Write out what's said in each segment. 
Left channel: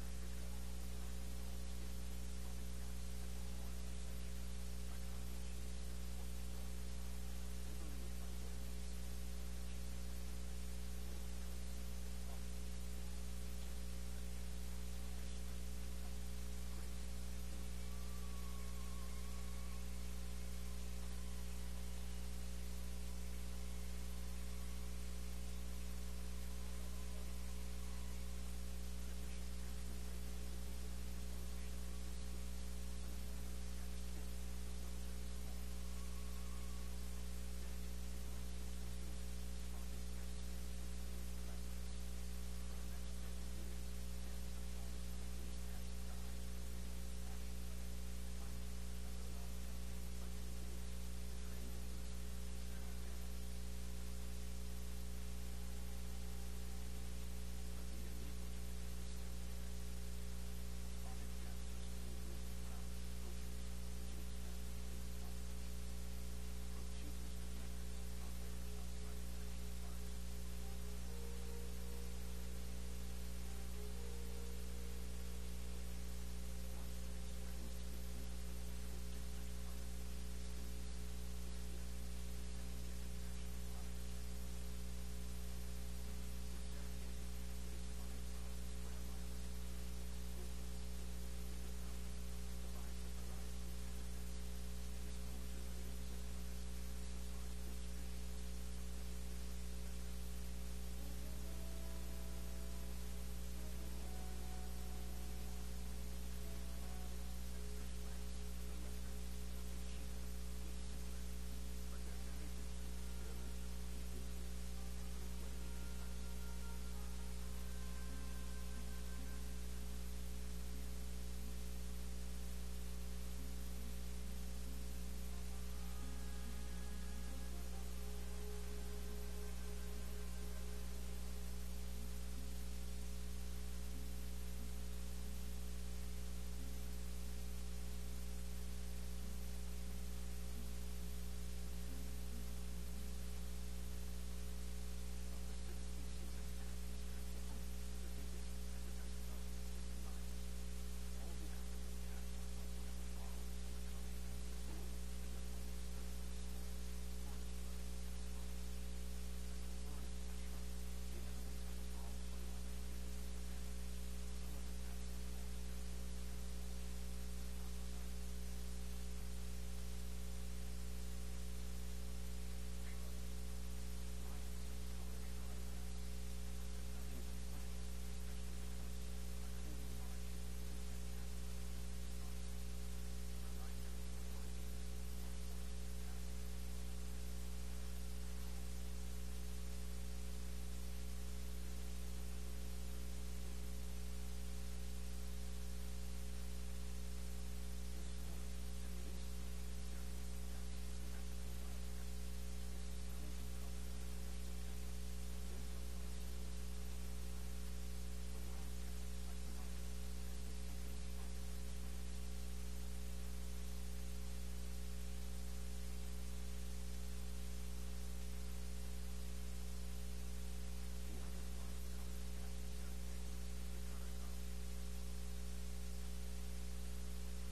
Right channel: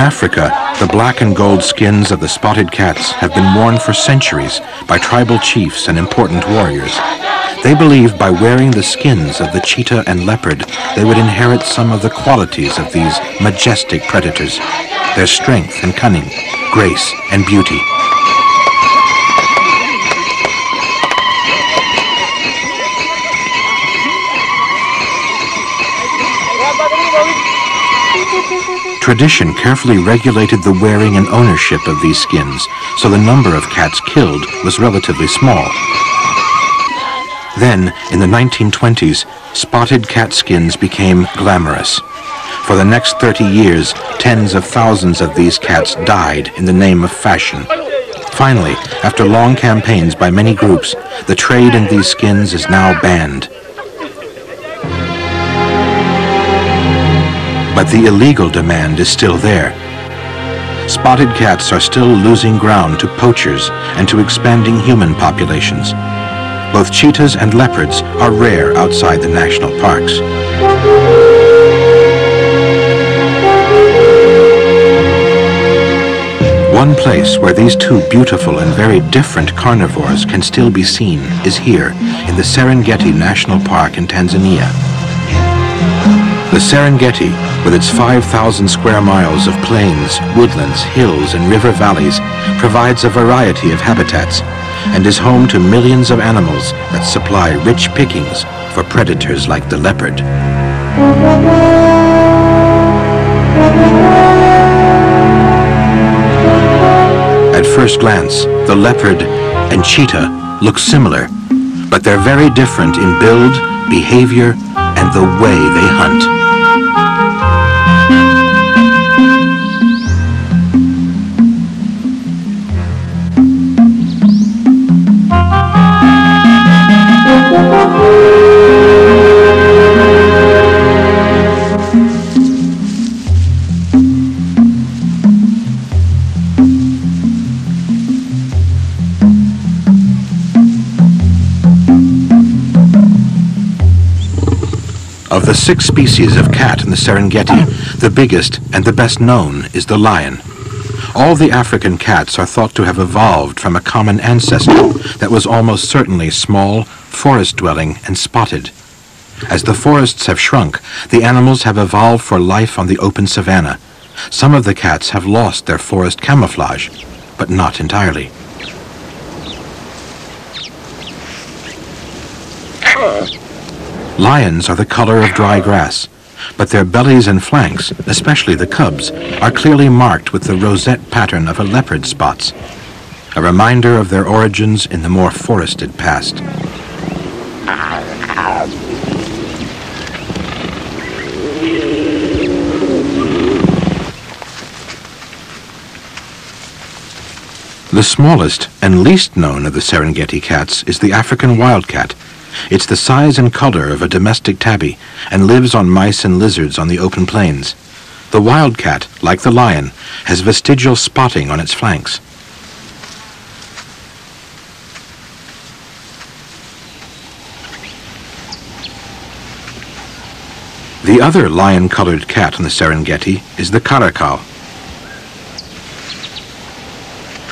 Africa, the black and gold skins of the spotted cats have been worn for centuries by tribal chiefs and important warriors. They believed by wearing the skins of the cheetah and leopard, they would inherit some of the qualities of these majestic predators, their strength and cunning, grace and beauty. Tradition carefully regulated the wearing and ownership of these skins, so the number of cats killed was relatively small. Then, in the 1920s, spotted cat skins became glamorous. For the next 30 years, tens of thousands of these cats died in the name of fashion. Finally, after long campaigns by many groups, the trade in these skins is now banned. But the illegal demand is still there. Spotted cats are still losing ground to poachers and to expanding human populations. Both cheetahs and leopards are rare outside the national parks. One place where these two beautiful and very different carnivores can still be seen is here in the Serengeti National Park in Tanzania. The Serengeti, with its 5,000 square miles of plains, woodlands, hills, and river valleys, provides a variety of habitats and is home to millions of animals that supply rich pickings for predators like the leopard. At first glance, the leopard and cheetah look similar, but they're very different in build, behavior, and the way they hunt. Of the 6 species of cat in the Serengeti, the biggest and the best known is the lion. All the African cats are thought to have evolved from a common ancestor that was almost certainly small, forest-dwelling, and spotted. As the forests have shrunk, the animals have evolved for life on the open savanna. Some of the cats have lost their forest camouflage, but not entirely. Lions are the color of dry grass, but their bellies and flanks, especially the cubs, are clearly marked with the rosette pattern of a leopard's spots, a reminder of their origins in the more forested past. The smallest and least known of the Serengeti cats is the African wildcat. It's the size and color of a domestic tabby and lives on mice and lizards on the open plains. The wildcat, like the lion, has vestigial spotting on its flanks. The other lion-colored cat in the Serengeti is the caracal.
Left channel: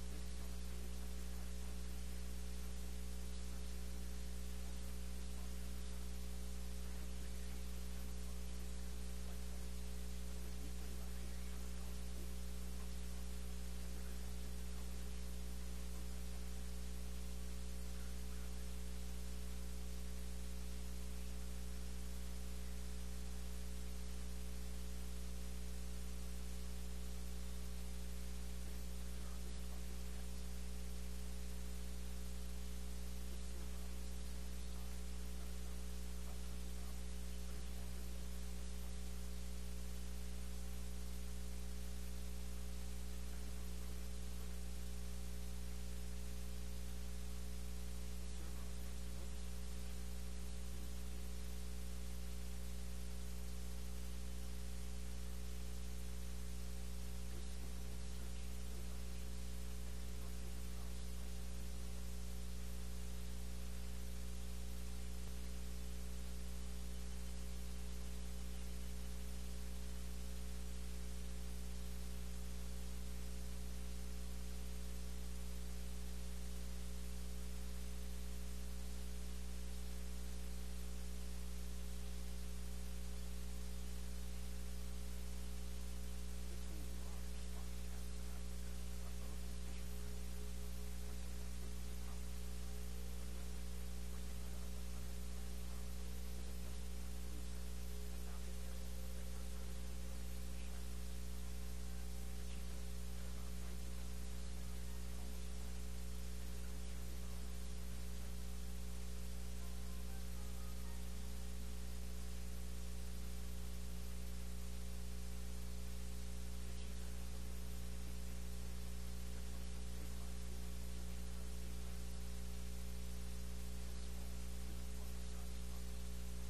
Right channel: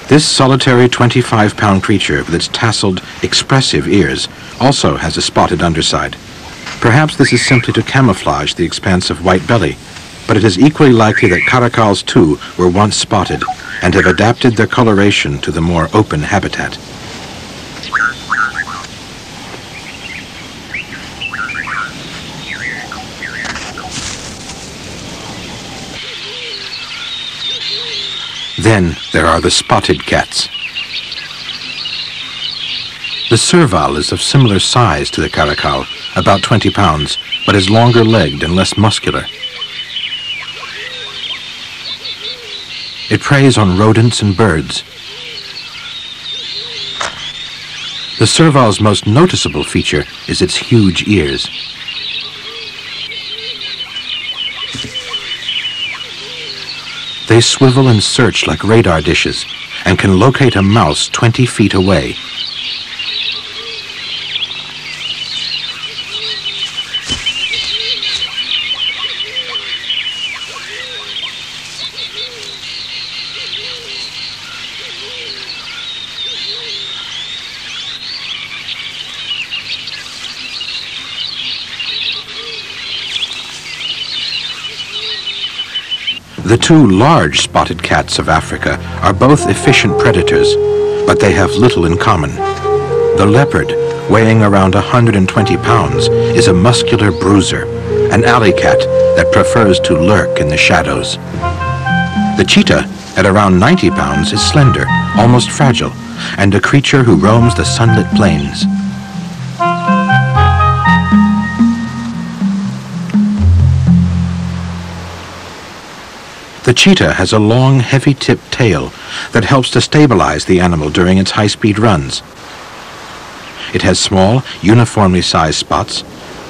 This solitary 25-pound creature with its tasseled, expressive ears also has a spotted underside. Perhaps this is simply to camouflage the expansive white belly, but it is equally likely that caracals too were once spotted and have adapted their coloration to the more open habitat. Then there are the spotted cats. The serval is of similar size to the caracal, about 20 pounds, but is longer-legged and less muscular. It preys on rodents and birds. The serval's most noticeable feature is its huge ears. They swivel and search like radar dishes and can locate a mouse 20 feet away. The two large spotted cats of Africa are both efficient predators, but they have little in common. The leopard, weighing around 120 pounds, is a muscular bruiser, an alley cat that prefers to lurk in the shadows. The cheetah, at around 90 pounds, is slender, almost fragile, and a creature who roams the sunlit plains. The cheetah has a long, heavy-tipped tail that helps to stabilize the animal during its high-speed runs. It has small, uniformly sized spots,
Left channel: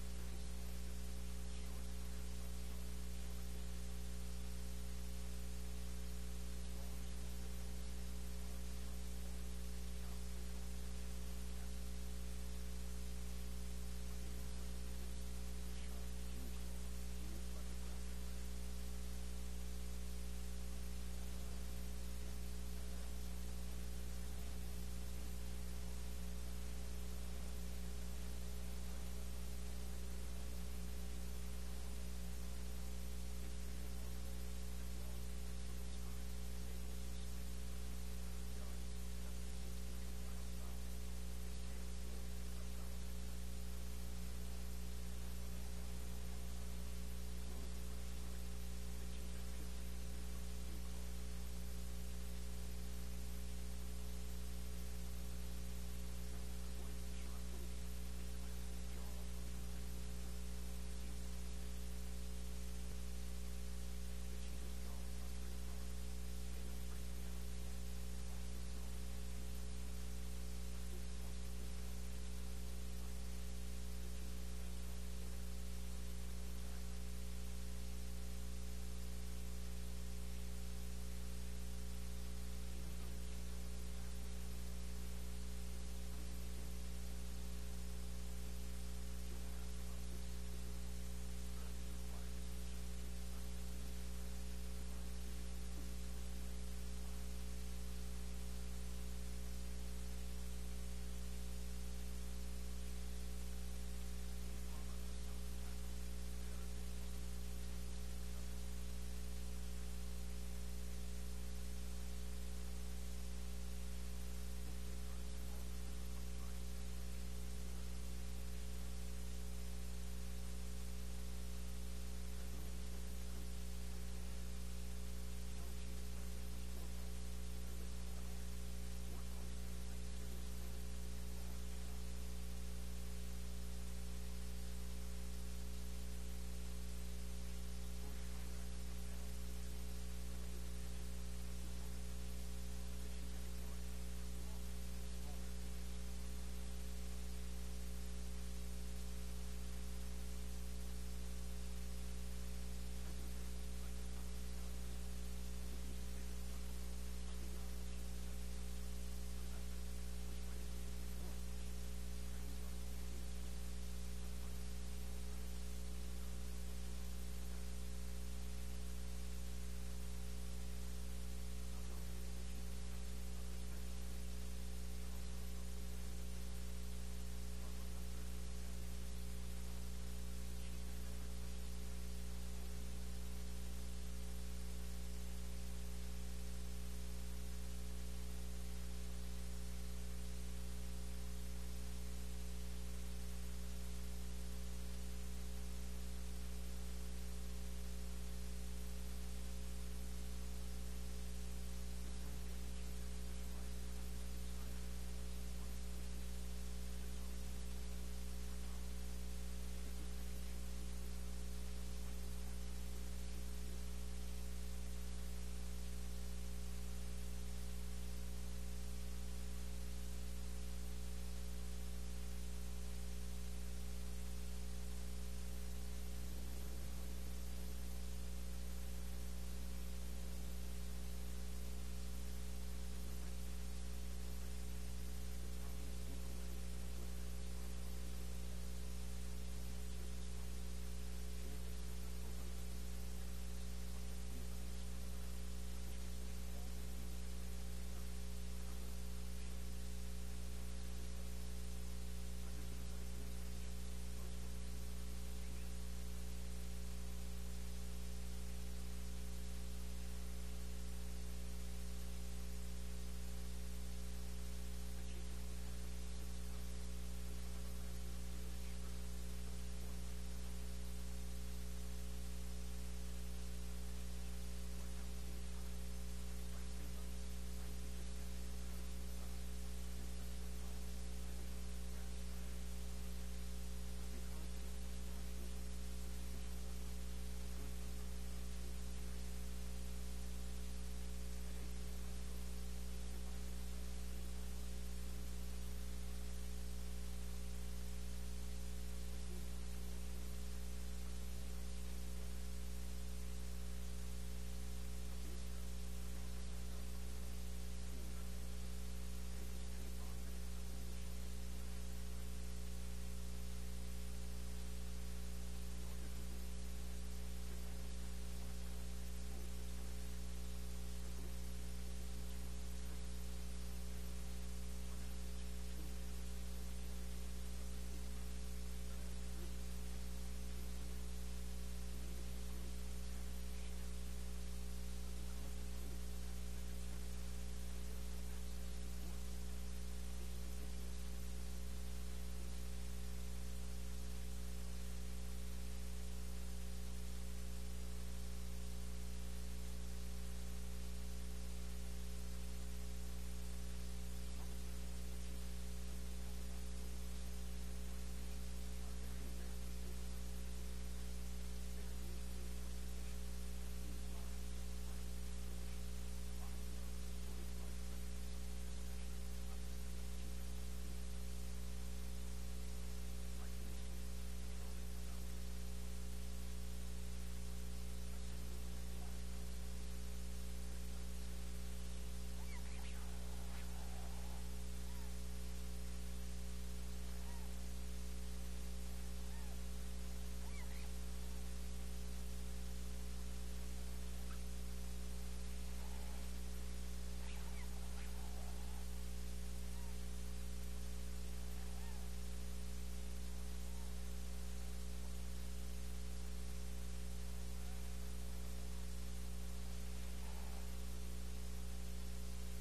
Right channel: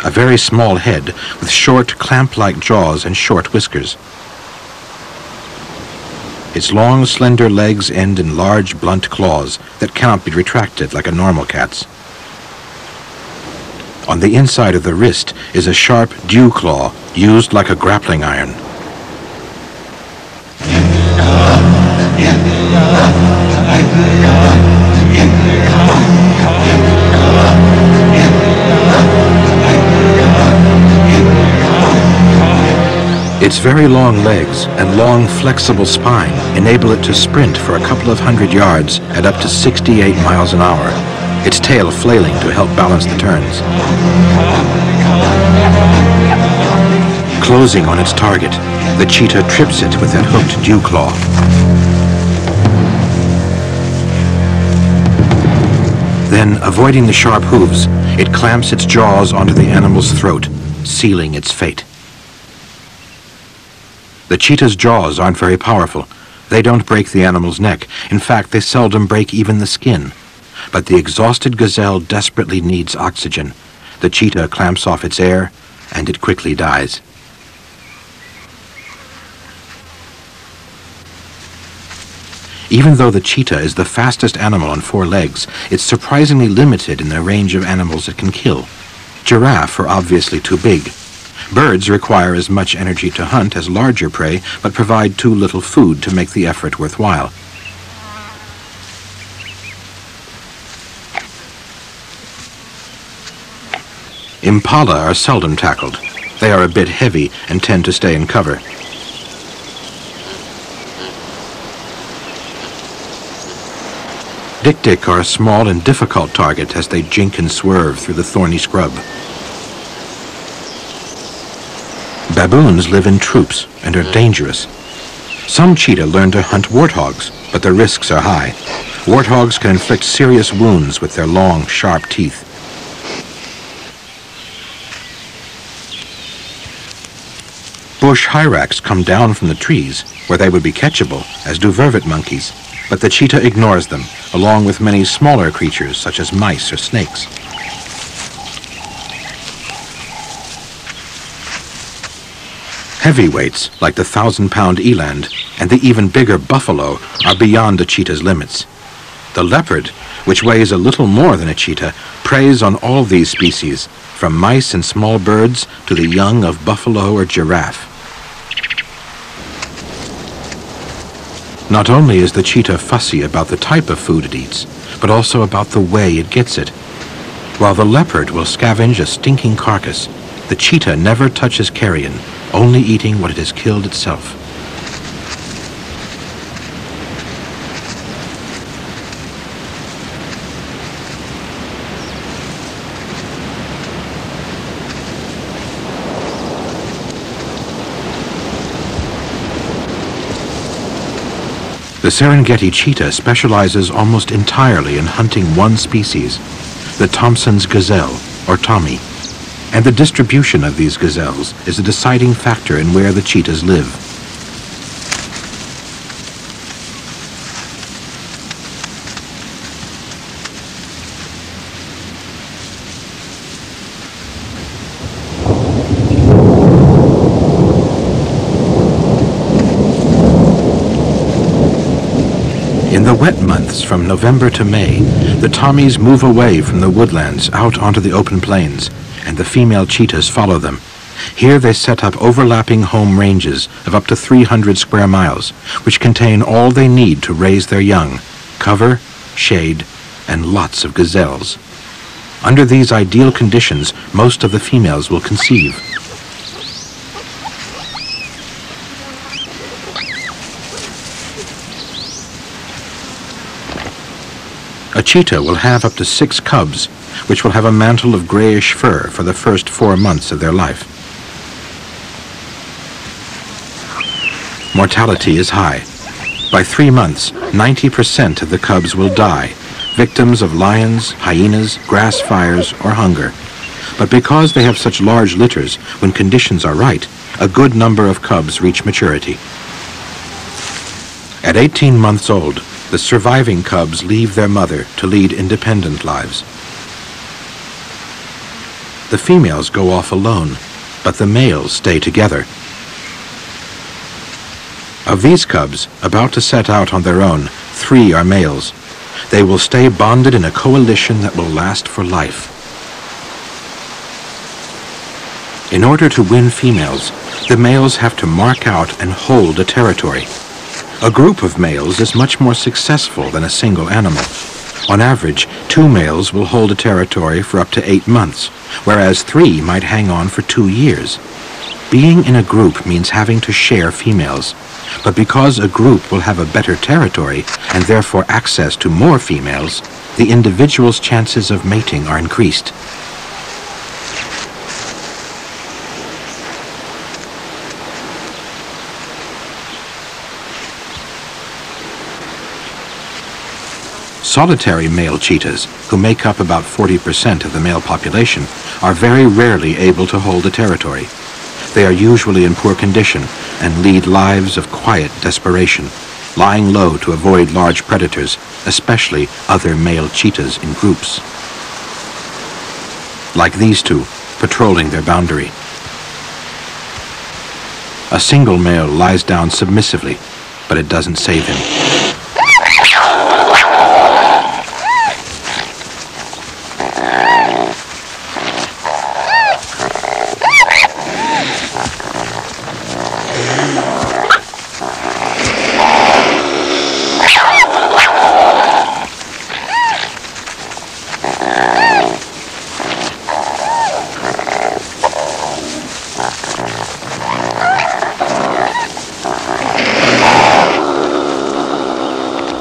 a very small head with short, clamp-like jaws and short whiskers. Its long, slender legs end in large, blunt claws that cannot be retracted like a normal cat's. On the inside of the wrist is a sharp dew claw used like a grappling iron. Its very long legs and long, flexible spine enable it to sprint for a couple of 100 yards at up to 68 miles an hour, its tail flailing to help balance the turns. Closing on its target, the cheetah trips it with that hooked dew claw. Then, avoiding the sharp hooves, it clamps its jaws onto the animal's throat, sealing its fate. The cheetah's jaws aren't very powerful. They don't break the animal's neck. In fact, they seldom break even the skin. But the exhausted gazelle desperately needs oxygen. The cheetah clamps off its air, and it quickly dies. Even though the cheetah is the fastest animal on four legs, it's surprisingly limited in the range of animals it can kill. Giraffe are obviously too big. Birds require as much energy to hunt as larger prey, but provide too little food to make the effort worthwhile. Impala are seldom tackled. They are a bit heavy and tend to stay in cover. Dik-dik are a small and difficult target as they jink and swerve through the thorny scrub. Baboons live in troops and are dangerous. Some cheetah learn to hunt warthogs, but the risks are high. Warthogs can inflict serious wounds with their long, sharp teeth. Bush hyrax come down from the trees, where they would be catchable, as do vervet monkeys, but the cheetah ignores them, along with many smaller creatures such as mice or snakes. Heavyweights, like the 1,000-pound eland and the even bigger buffalo, are beyond the cheetah's limits. The leopard, which weighs a little more than a cheetah, preys on all these species, from mice and small birds to the young of buffalo or giraffe. Not only is the cheetah fussy about the type of food it eats, but also about the way it gets it. While the leopard will scavenge a stinking carcass, the cheetah never touches carrion, only eating what it has killed itself. The Serengeti cheetah specializes almost entirely in hunting one species, the Thompson's gazelle, or Tommy. And the distribution of these gazelles is a deciding factor in where the cheetahs live. In the wet months from November to May, the Tommies move away from the woodlands out onto the open plains, and the female cheetahs follow them. Here they set up overlapping home ranges of up to 300 square miles, which contain all they need to raise their young: cover, shade, and lots of gazelles. Under these ideal conditions, most of the females will conceive. A cheetah will have up to 6 cubs, which will have a mantle of grayish fur for the first 4 months of their life. Mortality is high. By 3 months, 90% of the cubs will die, victims of lions, hyenas, grass fires, or hunger. But because they have such large litters, when conditions are right, a good number of cubs reach maturity. At 18 months old, the surviving cubs leave their mother to lead independent lives. The females go off alone, but the males stay together. Of these cubs, about to set out on their own, 3 are males. They will stay bonded in a coalition that will last for life. In order to win females, the males have to mark out and hold a territory. A group of males is much more successful than a single animal. On average, 2 males will hold a territory for up to 8 months, whereas 3 might hang on for 2 years. Being in a group means having to share females. But because a group will have a better territory and therefore access to more females, the individual's chances of mating are increased. Solitary male cheetahs, who make up about 40% of the male population, are very rarely able to hold a territory. They are usually in poor condition and lead lives of quiet desperation, lying low to avoid large predators, especially other male cheetahs in groups. Like these 2, patrolling their boundary. A single male lies down submissively, but it doesn't save him.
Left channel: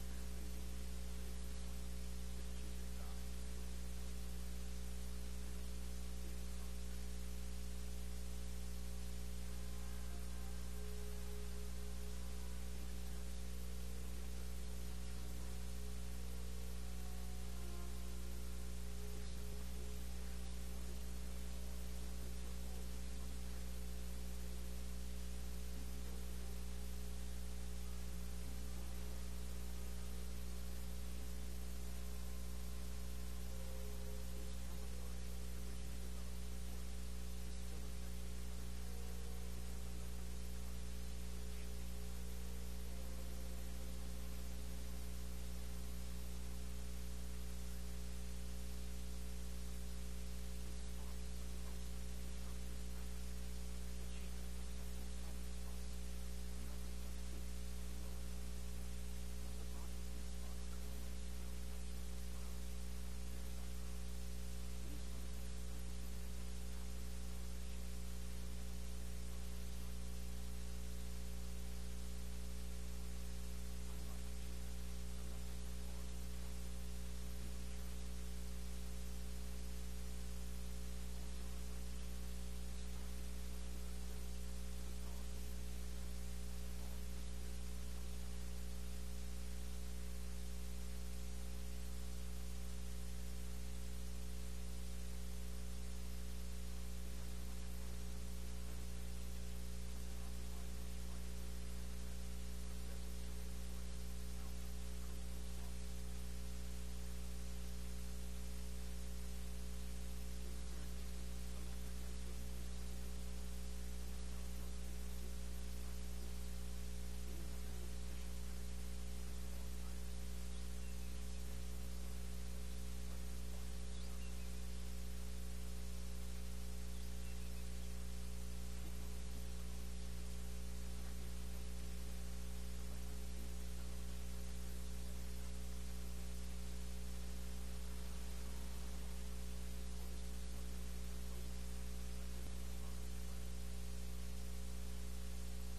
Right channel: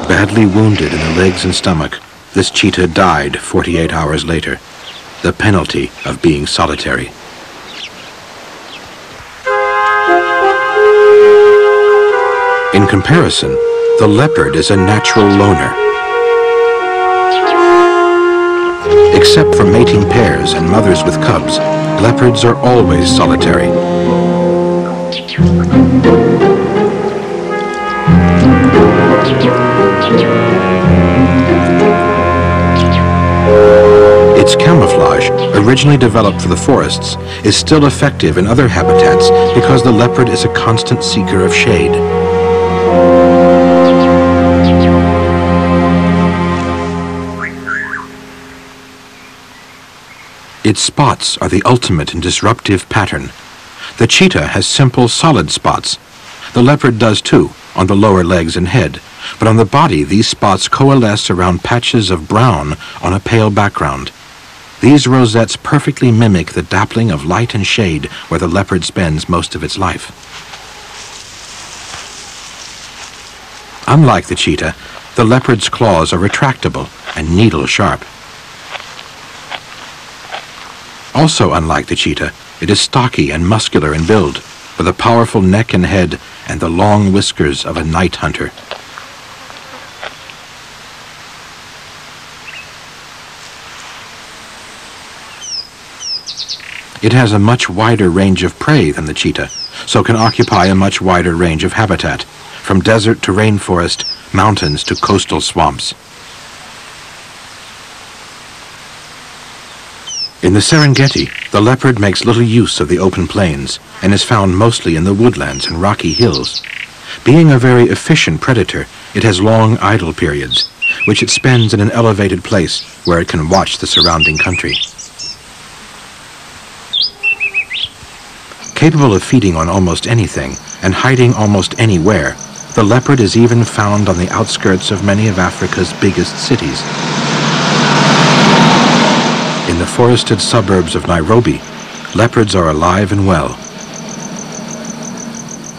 Badly wounded in the legs and stomach, this cheetah died 48 hours later, the penalty of being solitary. In comparison, the leopard is a natural loner. Except for mating pairs and mothers with cubs, leopards are always solitary. Its camouflage, originally developed for the forests, is still effective in other habitats because the leopard is a constant seeker of shade. Its spots are the ultimate in disruptive pattern. The cheetah has simple, solid spots. The leopard does too, on the lower legs and head, but on the body these spots coalesce around patches of brown on a pale background. These rosettes perfectly mimic the dappling of light and shade where the leopard spends most of its life. Unlike the cheetah, the leopard's claws are retractable and needle-sharp. Also unlike the cheetah, it is stocky and muscular in build, with a powerful neck and head and the long whiskers of a night hunter. It has a much wider range of prey than the cheetah, so can occupy a much wider range of habitat, from desert to rainforest, mountains to coastal swamps. In the Serengeti, the leopard makes little use of the open plains and is found mostly in the woodlands and rocky hills. Being a very efficient predator, it has long idle periods, which it spends in an elevated place where it can watch the surrounding country. Capable of feeding on almost anything and hiding almost anywhere, the leopard is even found on the outskirts of many of Africa's biggest cities. In the forested suburbs of Nairobi, leopards are alive and well.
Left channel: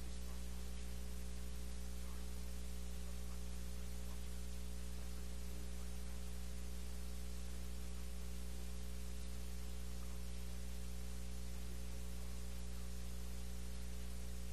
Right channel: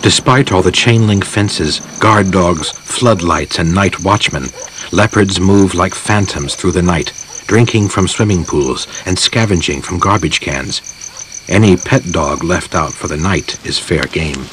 Despite all the chain-link fences, guard dogs, floodlights, and night watchmen, leopards move like phantoms through the night, drinking from swimming pools and scavenging from garbage cans. Any pet dog left out for the night is fair game.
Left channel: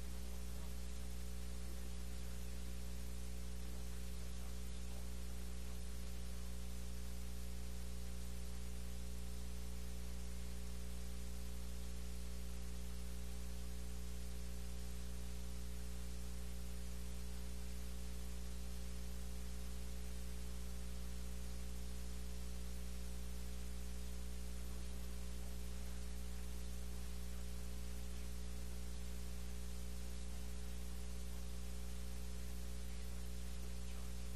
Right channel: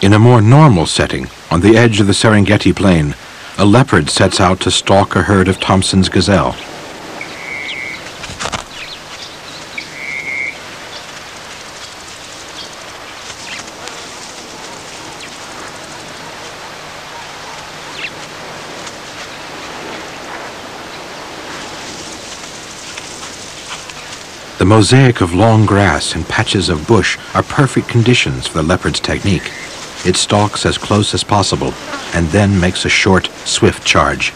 In a more normal setting, on the edge of the Serengeti Plain, a leopard sets out to stalk a herd of Thompson's gazelle. The mosaic of long grass and patches of bush are perfect conditions for the leopard's technique. It stalks as close as possible and then makes a short, swift charge.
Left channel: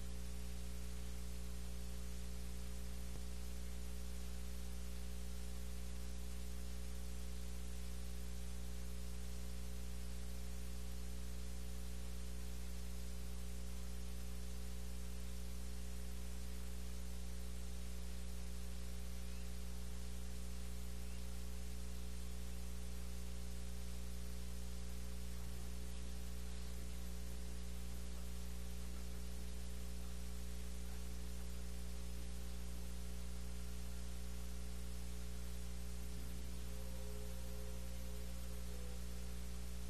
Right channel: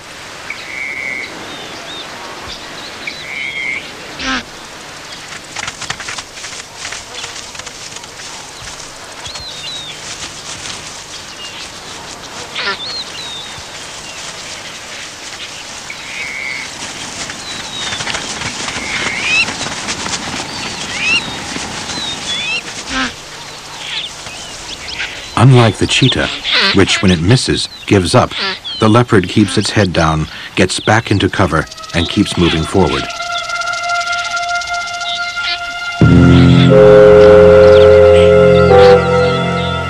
Unlike the cheetah, which when it misses, gives up, the leopard keeps its head down, gets back into cover, and keeps moving forward.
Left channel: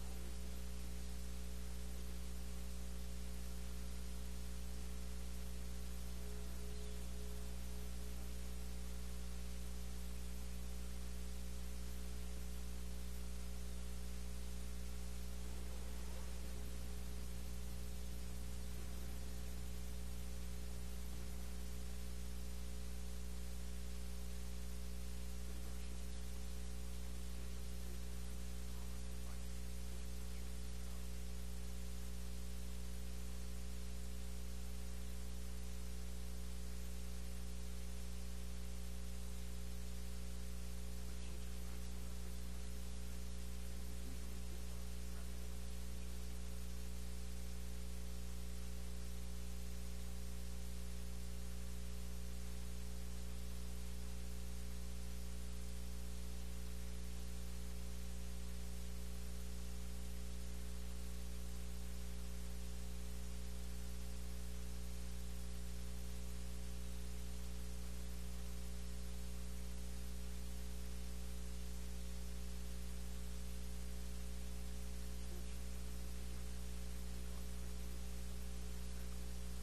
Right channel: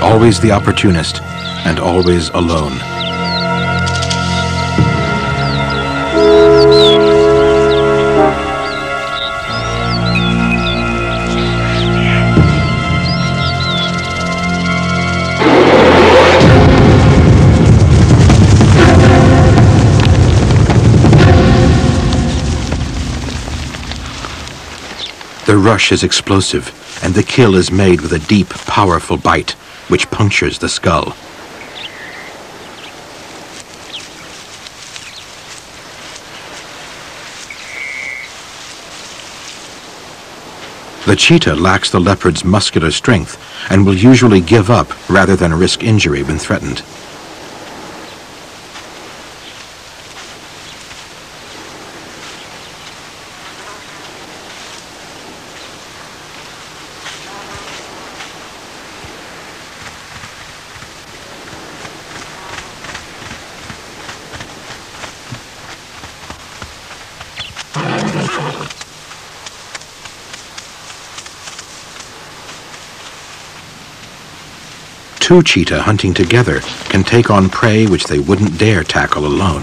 Always the opportunist, and always alone. The rush is explosive, and the kill is made with a deep, powerful bite, which punctures the skull. The cheetah lacks the leopard's muscular strength and will usually give up rather than risk injury when threatened. Two cheetah hunting together can take on prey which they wouldn't dare tackle alone.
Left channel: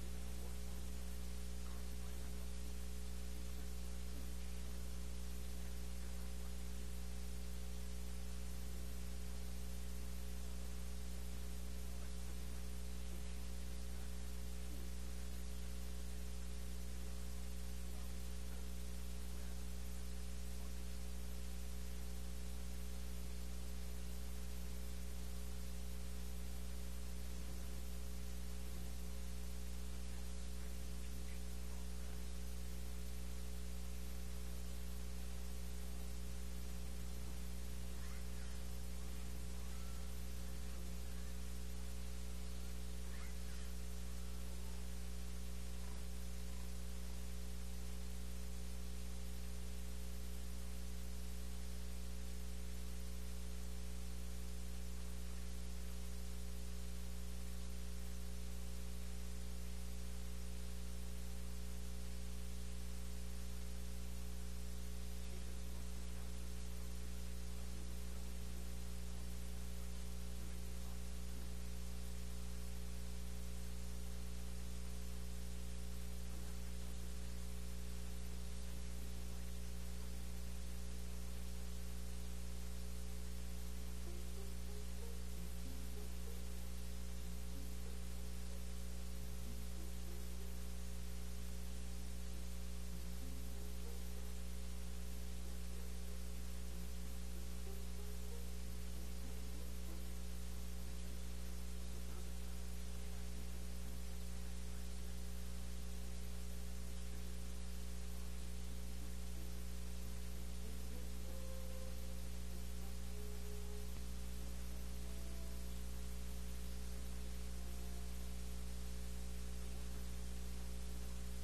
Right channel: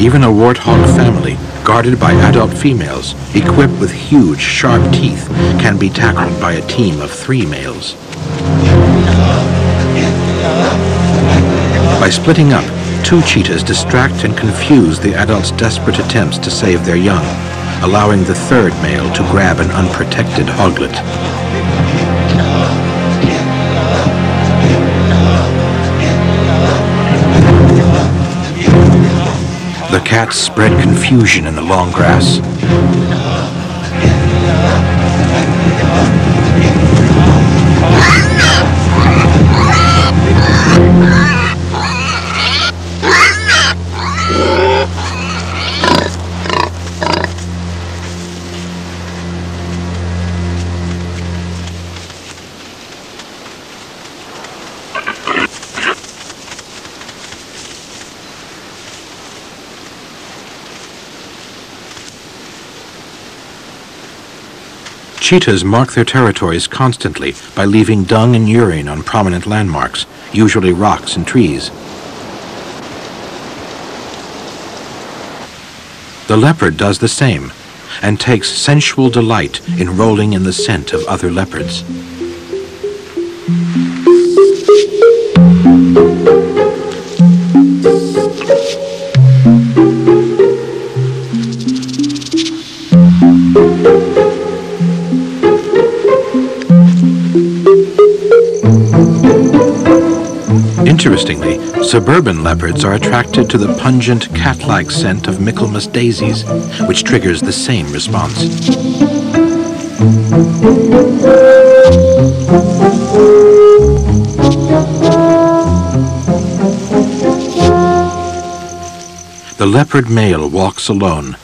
Even a warthog family, guarded by adult females, equipped with huge, sharp teeth, can be tackled by a team of 3 males. By splitting up, 2 cheetahs distract and confuse the adults' desperate attempts to save their young, allowing the 3rd male to grab an unprotected hoglet. The cats spread confusion in the long grass. cheetahs mark their territories constantly by leaving dung and urine on prominent landmarks, usually rocks and trees. The leopard does the same and takes sensual delight in rolling in the scent of other leopards. Interestingly, suburban leopards are attracted to the pungent cat-like scent of Michaelmas daisies, which triggers the same response. The leopard male walks alone,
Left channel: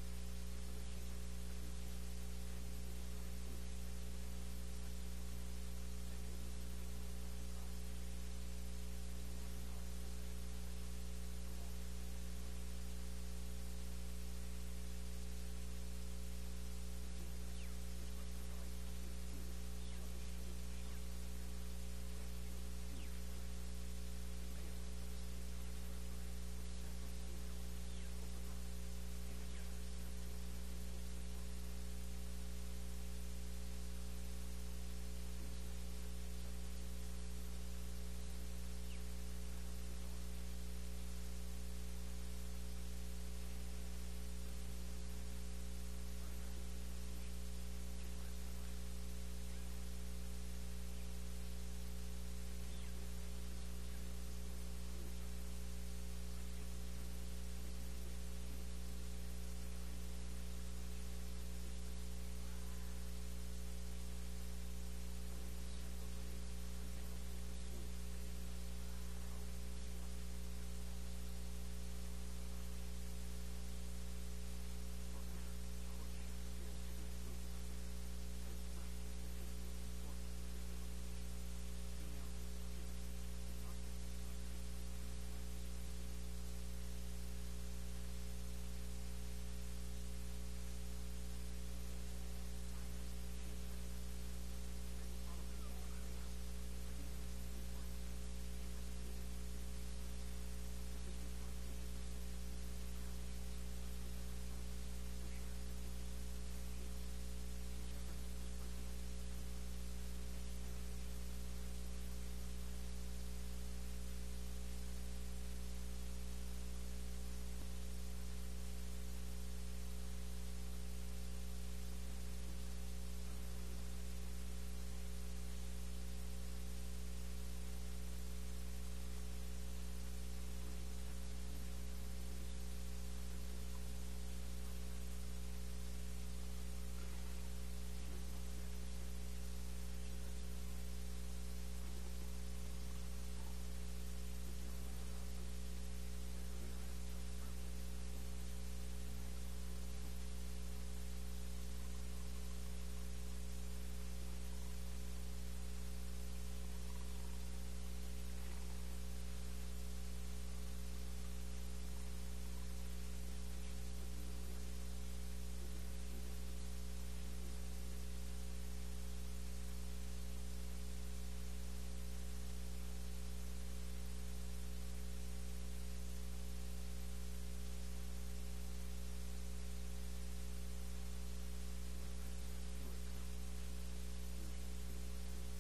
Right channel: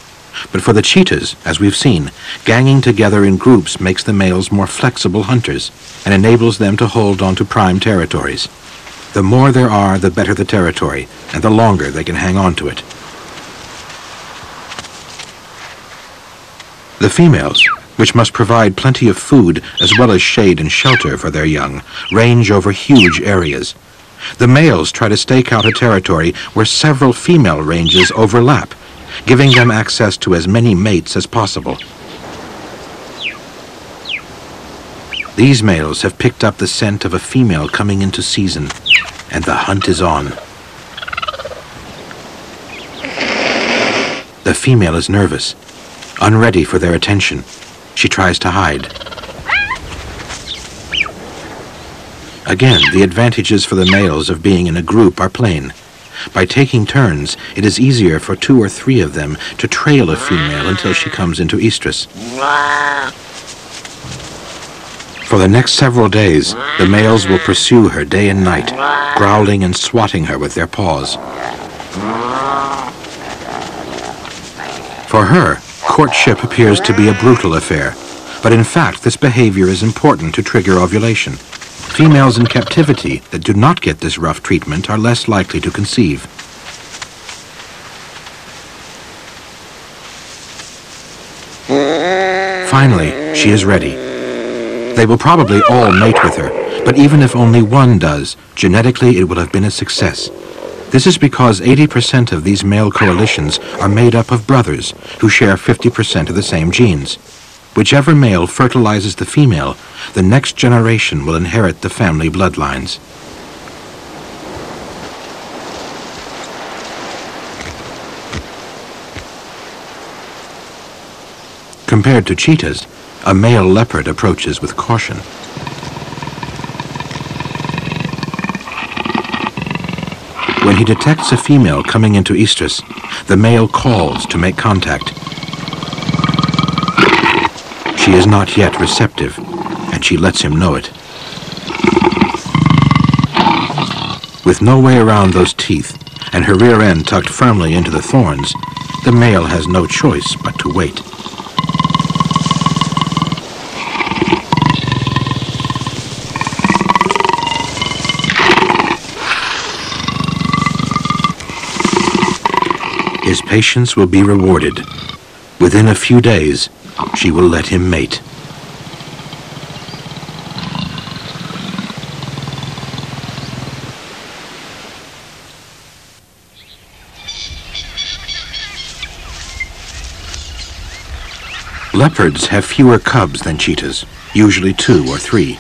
but for the cheetahs, as we've seen, ganging together in groups makes the males more flexible hunters and enables them to hold on to prime territories. The more there are, the better the territory, and the longer they can hang on to it. The females, which must provide plenty of food as well as shade and shelter for their young, range over huge areas. The males try to stake out a territory where several female ranges overlap, giving them access to as many mates as possible. These males have picked up the scent of a female coming into season, and the hunt is on. The female is nervous, unready for their attention. She tries to hide. Again, the advantages for the males of being in a group are plain. By taking turns, it is easier for 2 or 3 of them to trail a female until she comes into estrus. For the next several days, the males will pursue her day and night, growling and swatting her with their paws. For her, courtship appears to be a brutal affair, but in fact this behavior is important to trigger ovulation. Females in captivity that do not get this rough treatment are less likely to conceive. Finally, she is ready. They will probably all mate with her, but even if only one does, genetically it will have been a success. This is because 80% of these male coalitions are made up of brothers who share 50% of the same genes. Whichever male fertilizes the female, the next generation will inherit the family bloodlines. Compared to cheetahs, a male leopard approaches with caution. When he detects a female coming into estrus, the male calls to make contact. She is not yet receptive, and she lets him know it. With no way around those teeth, and her rear end tucked firmly into the thorns, the male has no choice but to wait. His patience will be rewarded. Within a few days, she will let him mate. Leopards have fewer cubs than cheetahs, usually 2 or 3.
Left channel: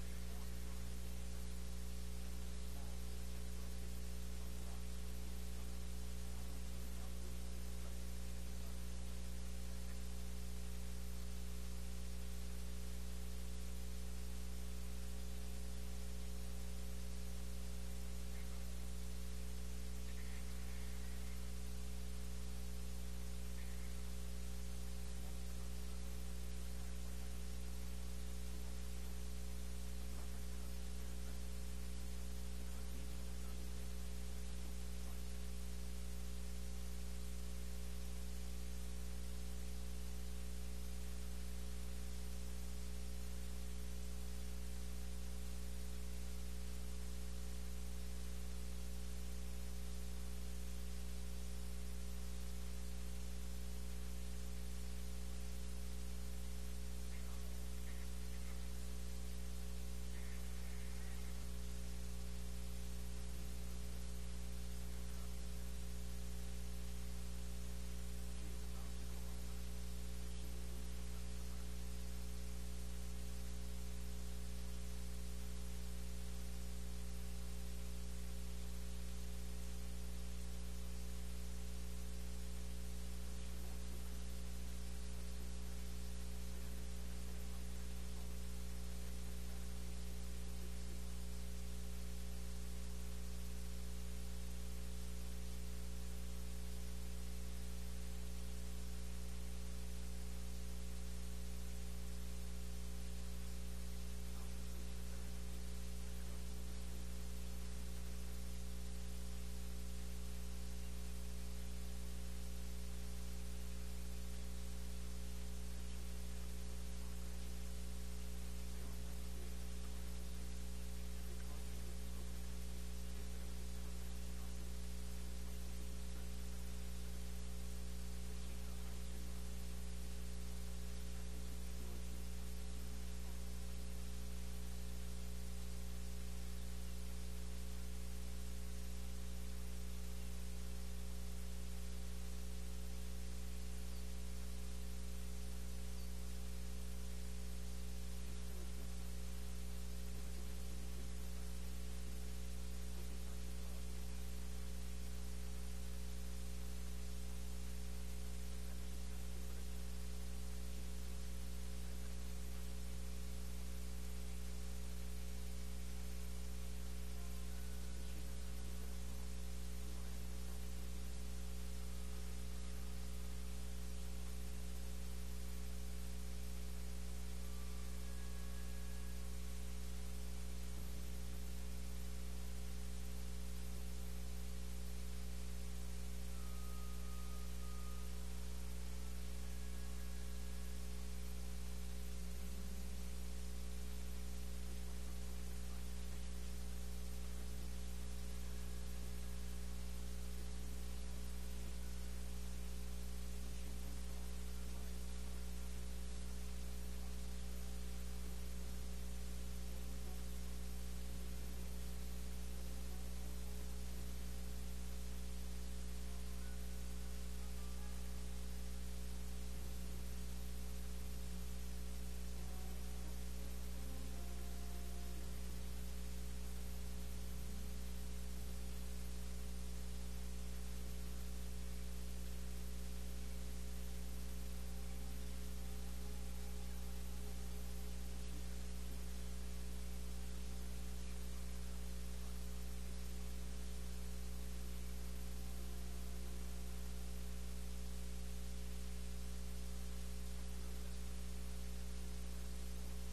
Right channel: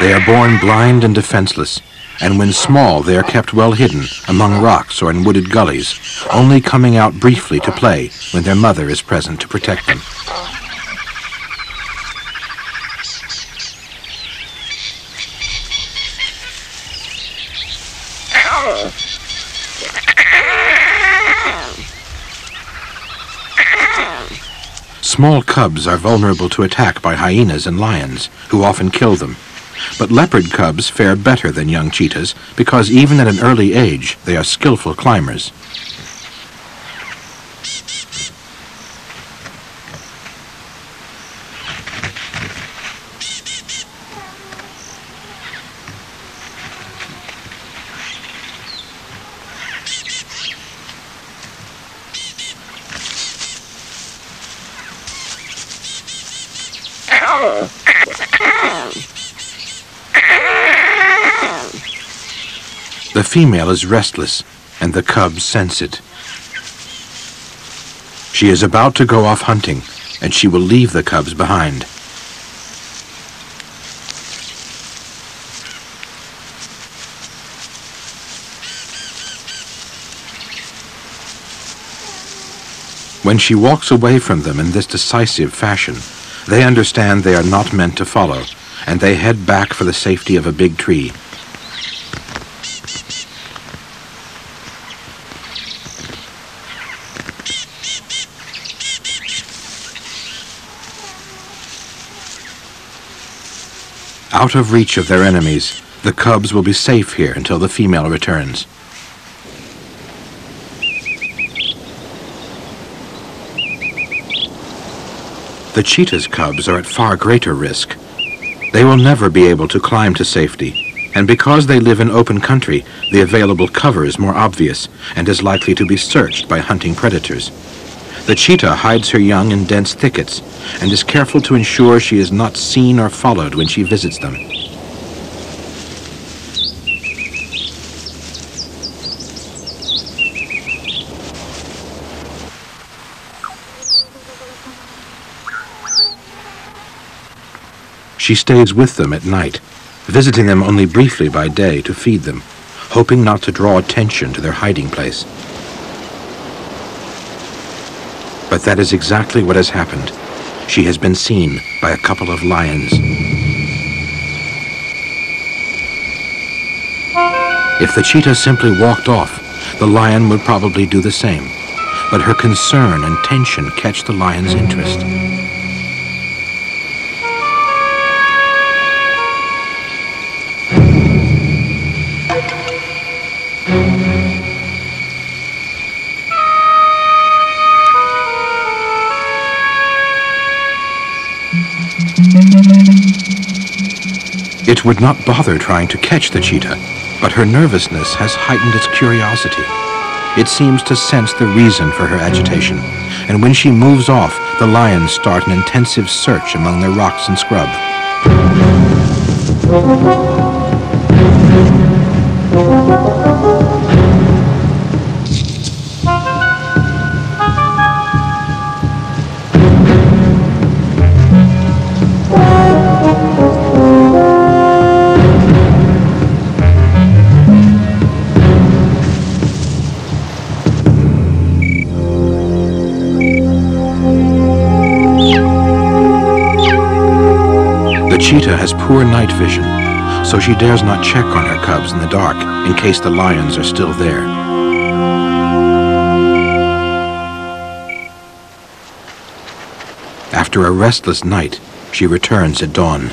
They are born blind and defenseless, and when small they are kept well hidden among rocks or in wooded gullies, only coming out briefly to play when their mother is present to protect them. Small cubs are vulnerable to attack by hyenas and lions, who often kill them. But leopard cubs fare better than young cheetahs because even at an early age, they are skillful climbers. The female is restless, and the cubs sense it. She is about to go off hunting, and she will leave the cubs behind. When she walks away from them in this decisive fashion, they understand they are not meant to follow, and they head back for the safety of a big tree. Out of reach of their enemies, the cubs will be safe here until the female returns. The cheetah's cubs are at far greater risk. They will never be able to climb to safety, and because they live in open country, the available cover is more obvious and is likely to be searched by hunting predators. The cheetah hides her young in dense thickets and is careful to ensure she is not seen or followed when she visits them. She stays with them at night, visiting them only briefly by day to feed them, hoping not to draw attention to their hiding place. But that is exactly what has happened. She has been seen by a couple of lions. If the cheetah simply walked off, the lion would probably do the same. But her concern and tension catch the lion's interest. It would not bother trying to catch the cheetah, but her nervousness has heightened its curiosity. It seems to sense the reason for her agitation, and when she moves off, the lions start an intensive search among the rocks and scrub. Cheetah has poor night vision, so she dares not check on her cubs in the dark in case the lions are still there. After a restless night, she returns at dawn.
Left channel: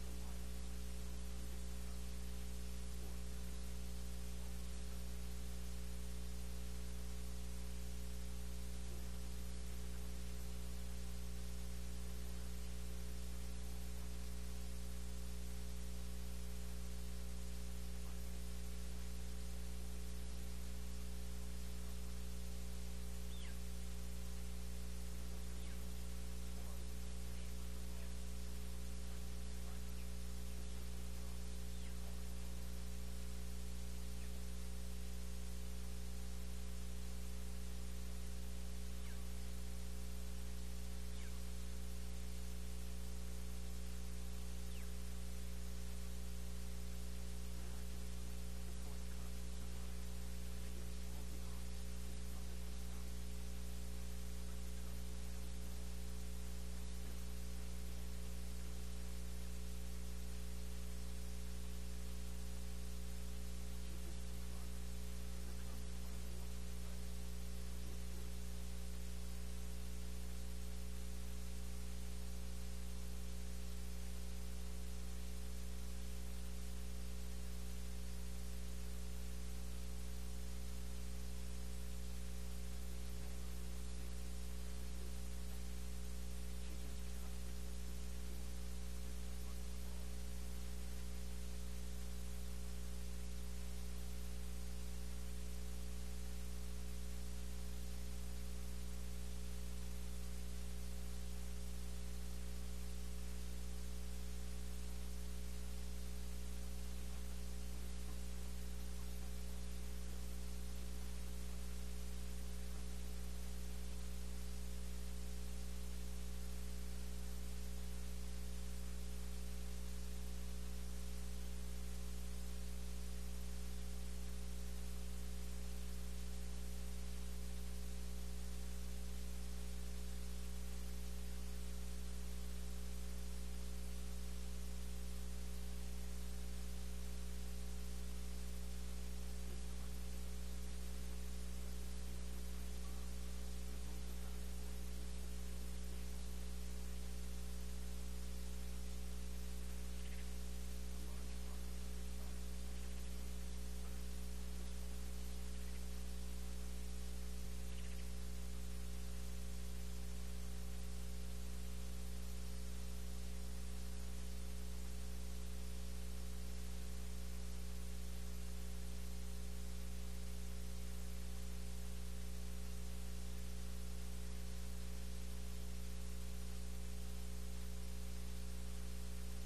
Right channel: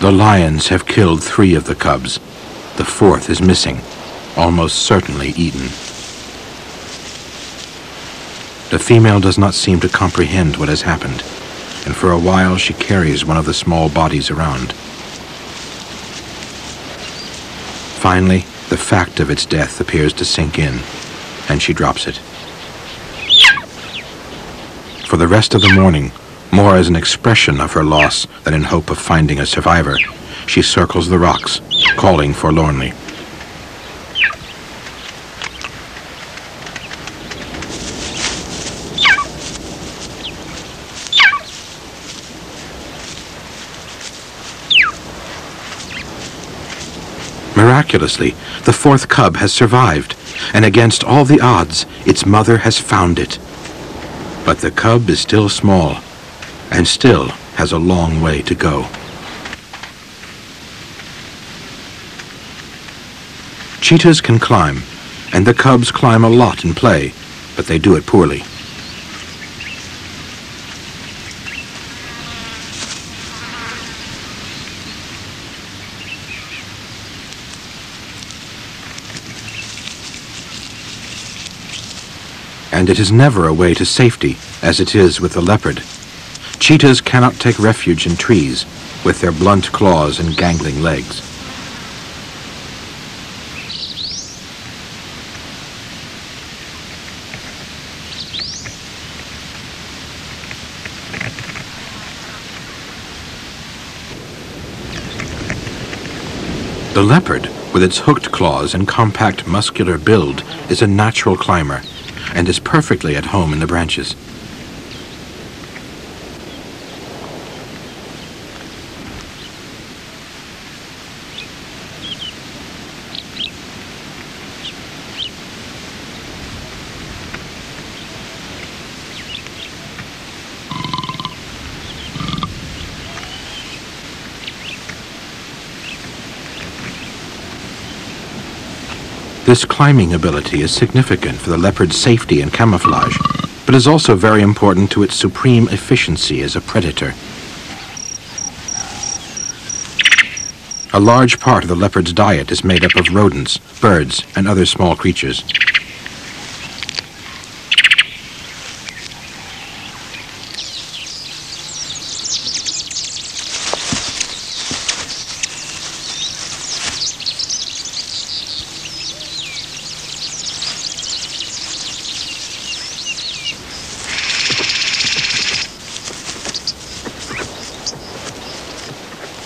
The lions have killed 3 of the cubs. The 4th is missing, almost certainly eaten. The female does not seem to comprehend what has happened, and for a while she carries one of the small bodies around. Finally, the fact of its death appears to sink in, and she drops it. For the rest of the morning, more as an expression of her loss than in hope of finding a survivor, she circles the rocks, calling forlornly. Miraculously, the 4th cub has survived, and against all the odds, its mother has found it. But the cub is still small, and still has a long way to go. Cheetahs can climb, and the cubs climb a lot in play, but they do it poorly. And it is never a way to safety, as it is with the leopard. Cheetahs cannot take refuge in trees with their blunt claws and gangling legs. The leopard, with its hooked claws and compact muscular build, is a natural climber and is perfectly at home in the branches. This climbing ability is significant for the leopard's safety and camouflage, but is also very important to its supreme efficiency as a predator. A large part of the leopard's diet is made up of rodents, birds, and other small creatures.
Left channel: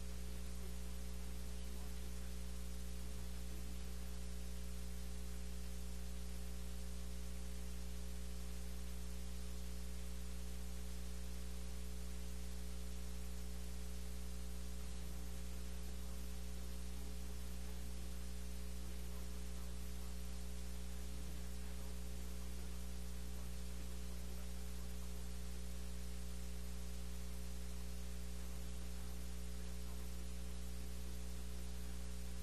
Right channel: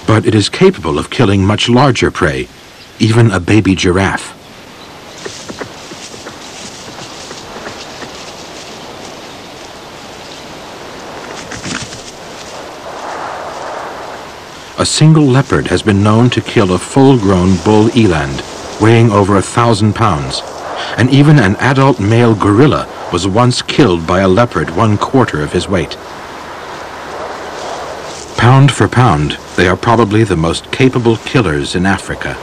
But it is capable of killing much larger prey, even a baby giraffe. A single leopard has been known to kill a full-grown bull eland, weighing over 1,000 pounds, and even an adult male gorilla was once killed by a leopard 1/4 of his weight. Pound for pound, they are probably the most capable killers in Africa.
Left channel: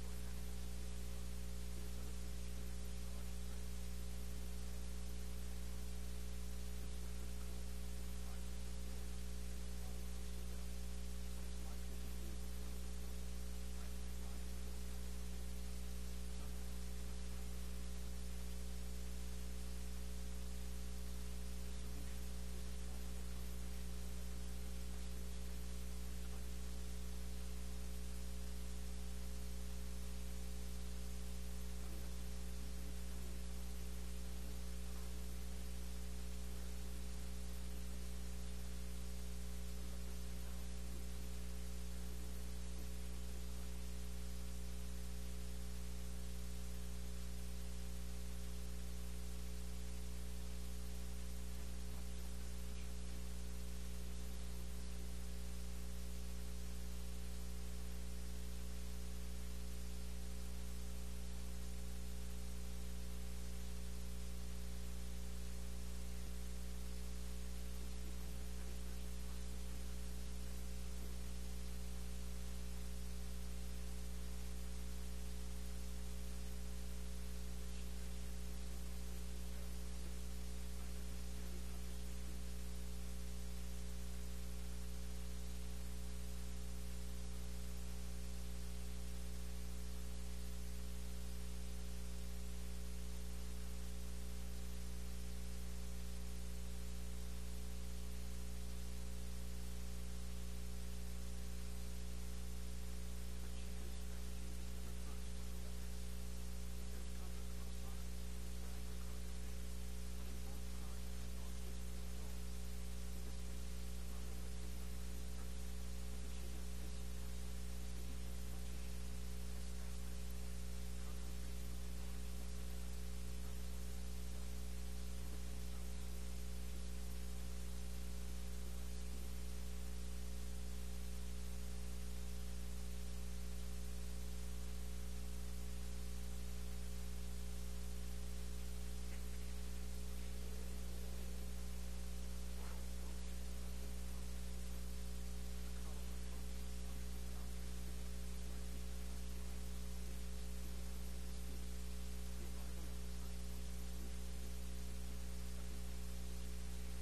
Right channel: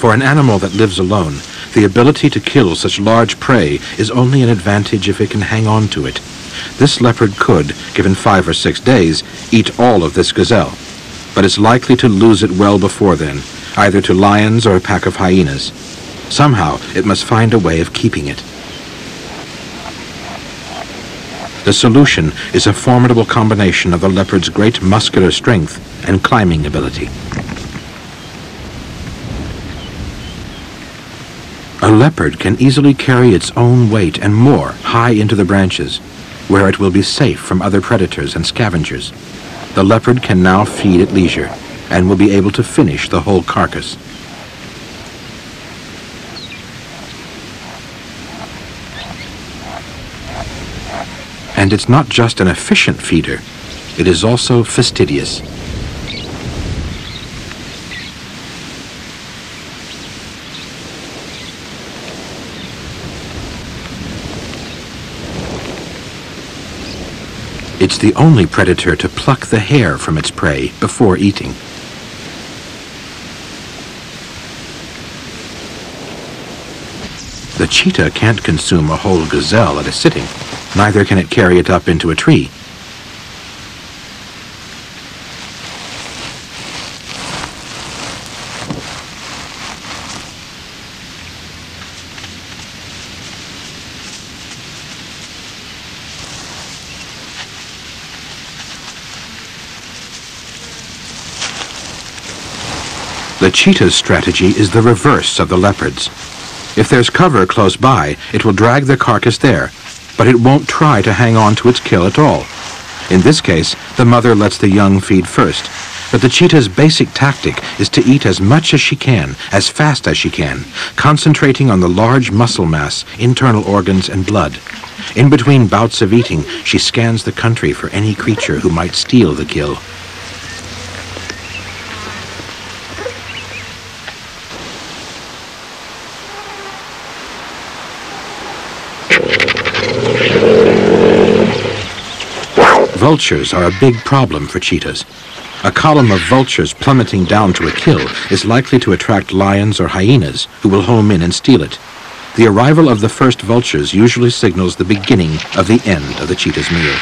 For an animal that lives alone, the ability to kill such large prey is only an advantage if it can hang on to it. This leopard could, given 5 or 6 days, eat all of this gazelle, but is likely to lose it well before then, either to lions or a pack of hyenas. Somehow, it must find a way of keeping it. The solution is a formidable combination of the leopard's great muscular strength and climbing ability. A leopard can easily carry its own weight and more high into the branches, where it will be safe from other predators and scavengers. The leopard can now feed at leisure and will be able to finish the whole carcass. And it's not just an efficient feeder, it is also fastidious. It's the only predator to pluck the hair from its prey before eating. The cheetah can't consume a whole gazelle at a sitting. Neither can it carry it up into a tree. The cheetah's strategy is the reverse of the leopard's. If there's cover close by, it will drag the carcass there, but it won't try to hang on to its kill at all. In this case, the mother lets the young feed first, but the cheetah's basic tactic is to eat as much as she can, as fast as she can, concentrating on the large muscle mass, internal organs, and blood. In between bouts of eating, she scans the country for any creature who might steal the kill. Vultures are a big problem for cheetahs. A column of vultures plummeting down to a kill is likely to attract lions or hyenas who will home in and steal it. The arrival of the first vultures usually signals the beginning of the end of the cheetah's meal.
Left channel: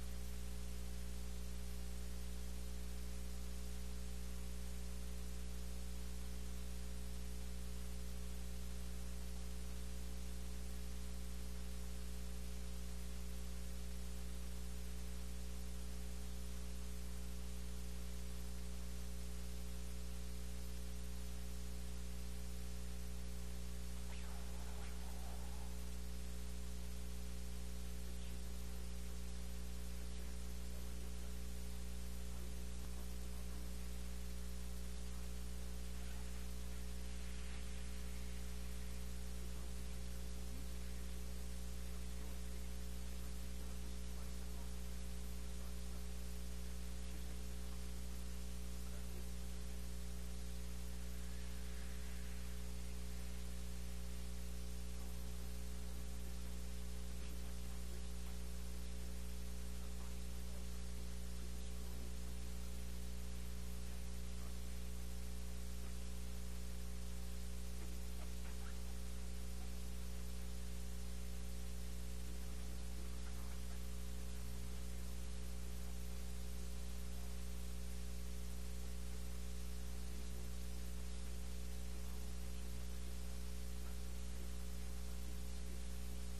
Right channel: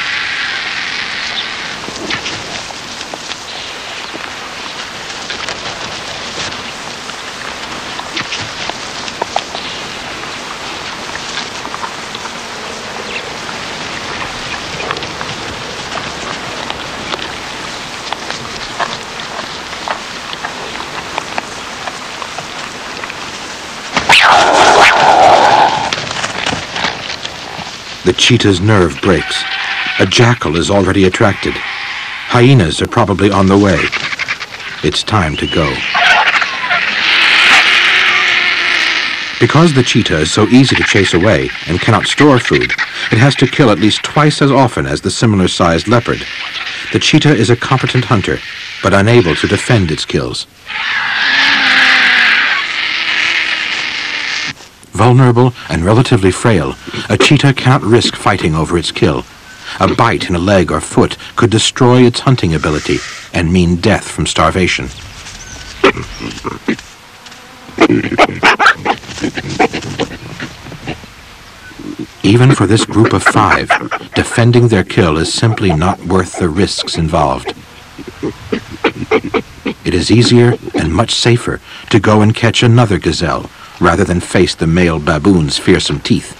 The cheetah's nerve breaks. A jackal is already attracted. Hyenas are probably on the way. It's time to go. Because the cheetah is so easy to chase away and cannot store food, it has to kill at least twice as often as the similar-sized leopard. The cheetah is a competent hunter, but unable to defend its kills. Vulnerable and relatively frail, a cheetah cannot risk fighting over its kill. A bite in a leg or foot could destroy its hunting ability and mean death from starvation. Even for this group of 5, defending their kill is simply not worth the risks involved. It is easier and much safer to go and catch another gazelle rather than face the male baboon's fearsome teeth.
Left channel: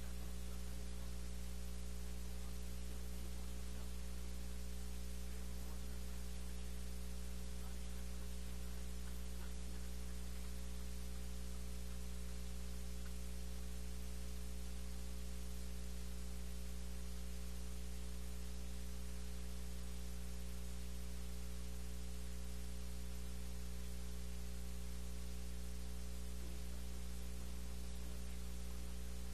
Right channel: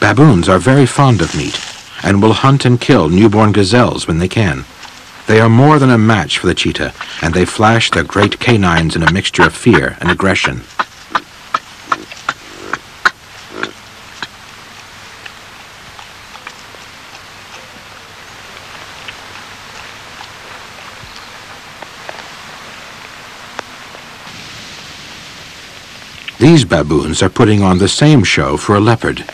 Baboons are very fond of meat and will hunt and kill newborn gazelles when they can. They are more than a match for the cheetah, and they flash their great canines in a mixture of fear and aggression. These baboons are putting on the same show for a leopard.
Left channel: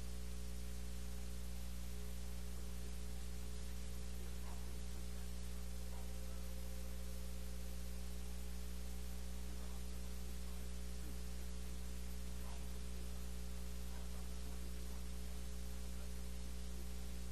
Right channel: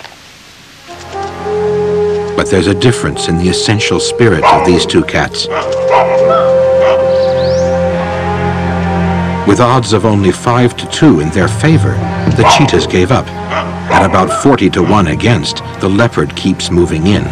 But there's a difference in the essential spirit of these two cats. With odds of only 5-2 in their favor, the cheetahs gave up. At about 40-1 against, the leopard keeps moving in.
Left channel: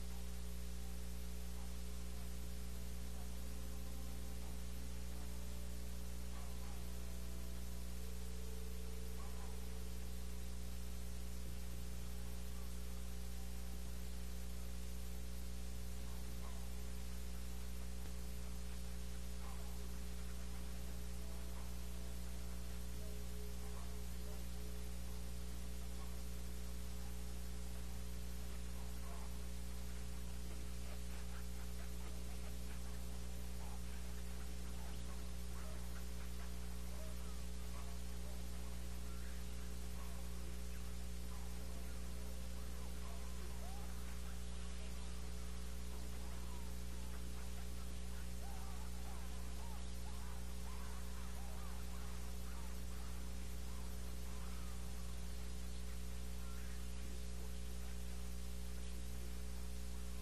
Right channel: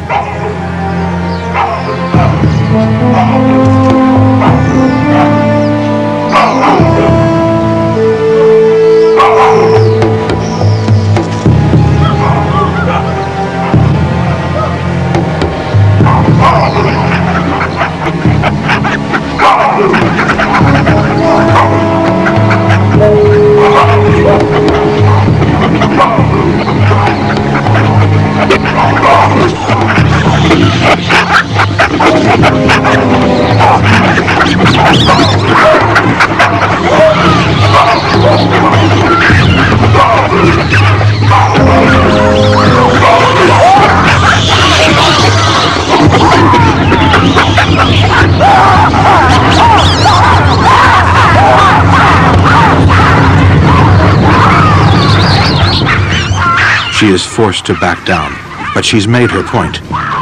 She is forced to back down, but she's made her point.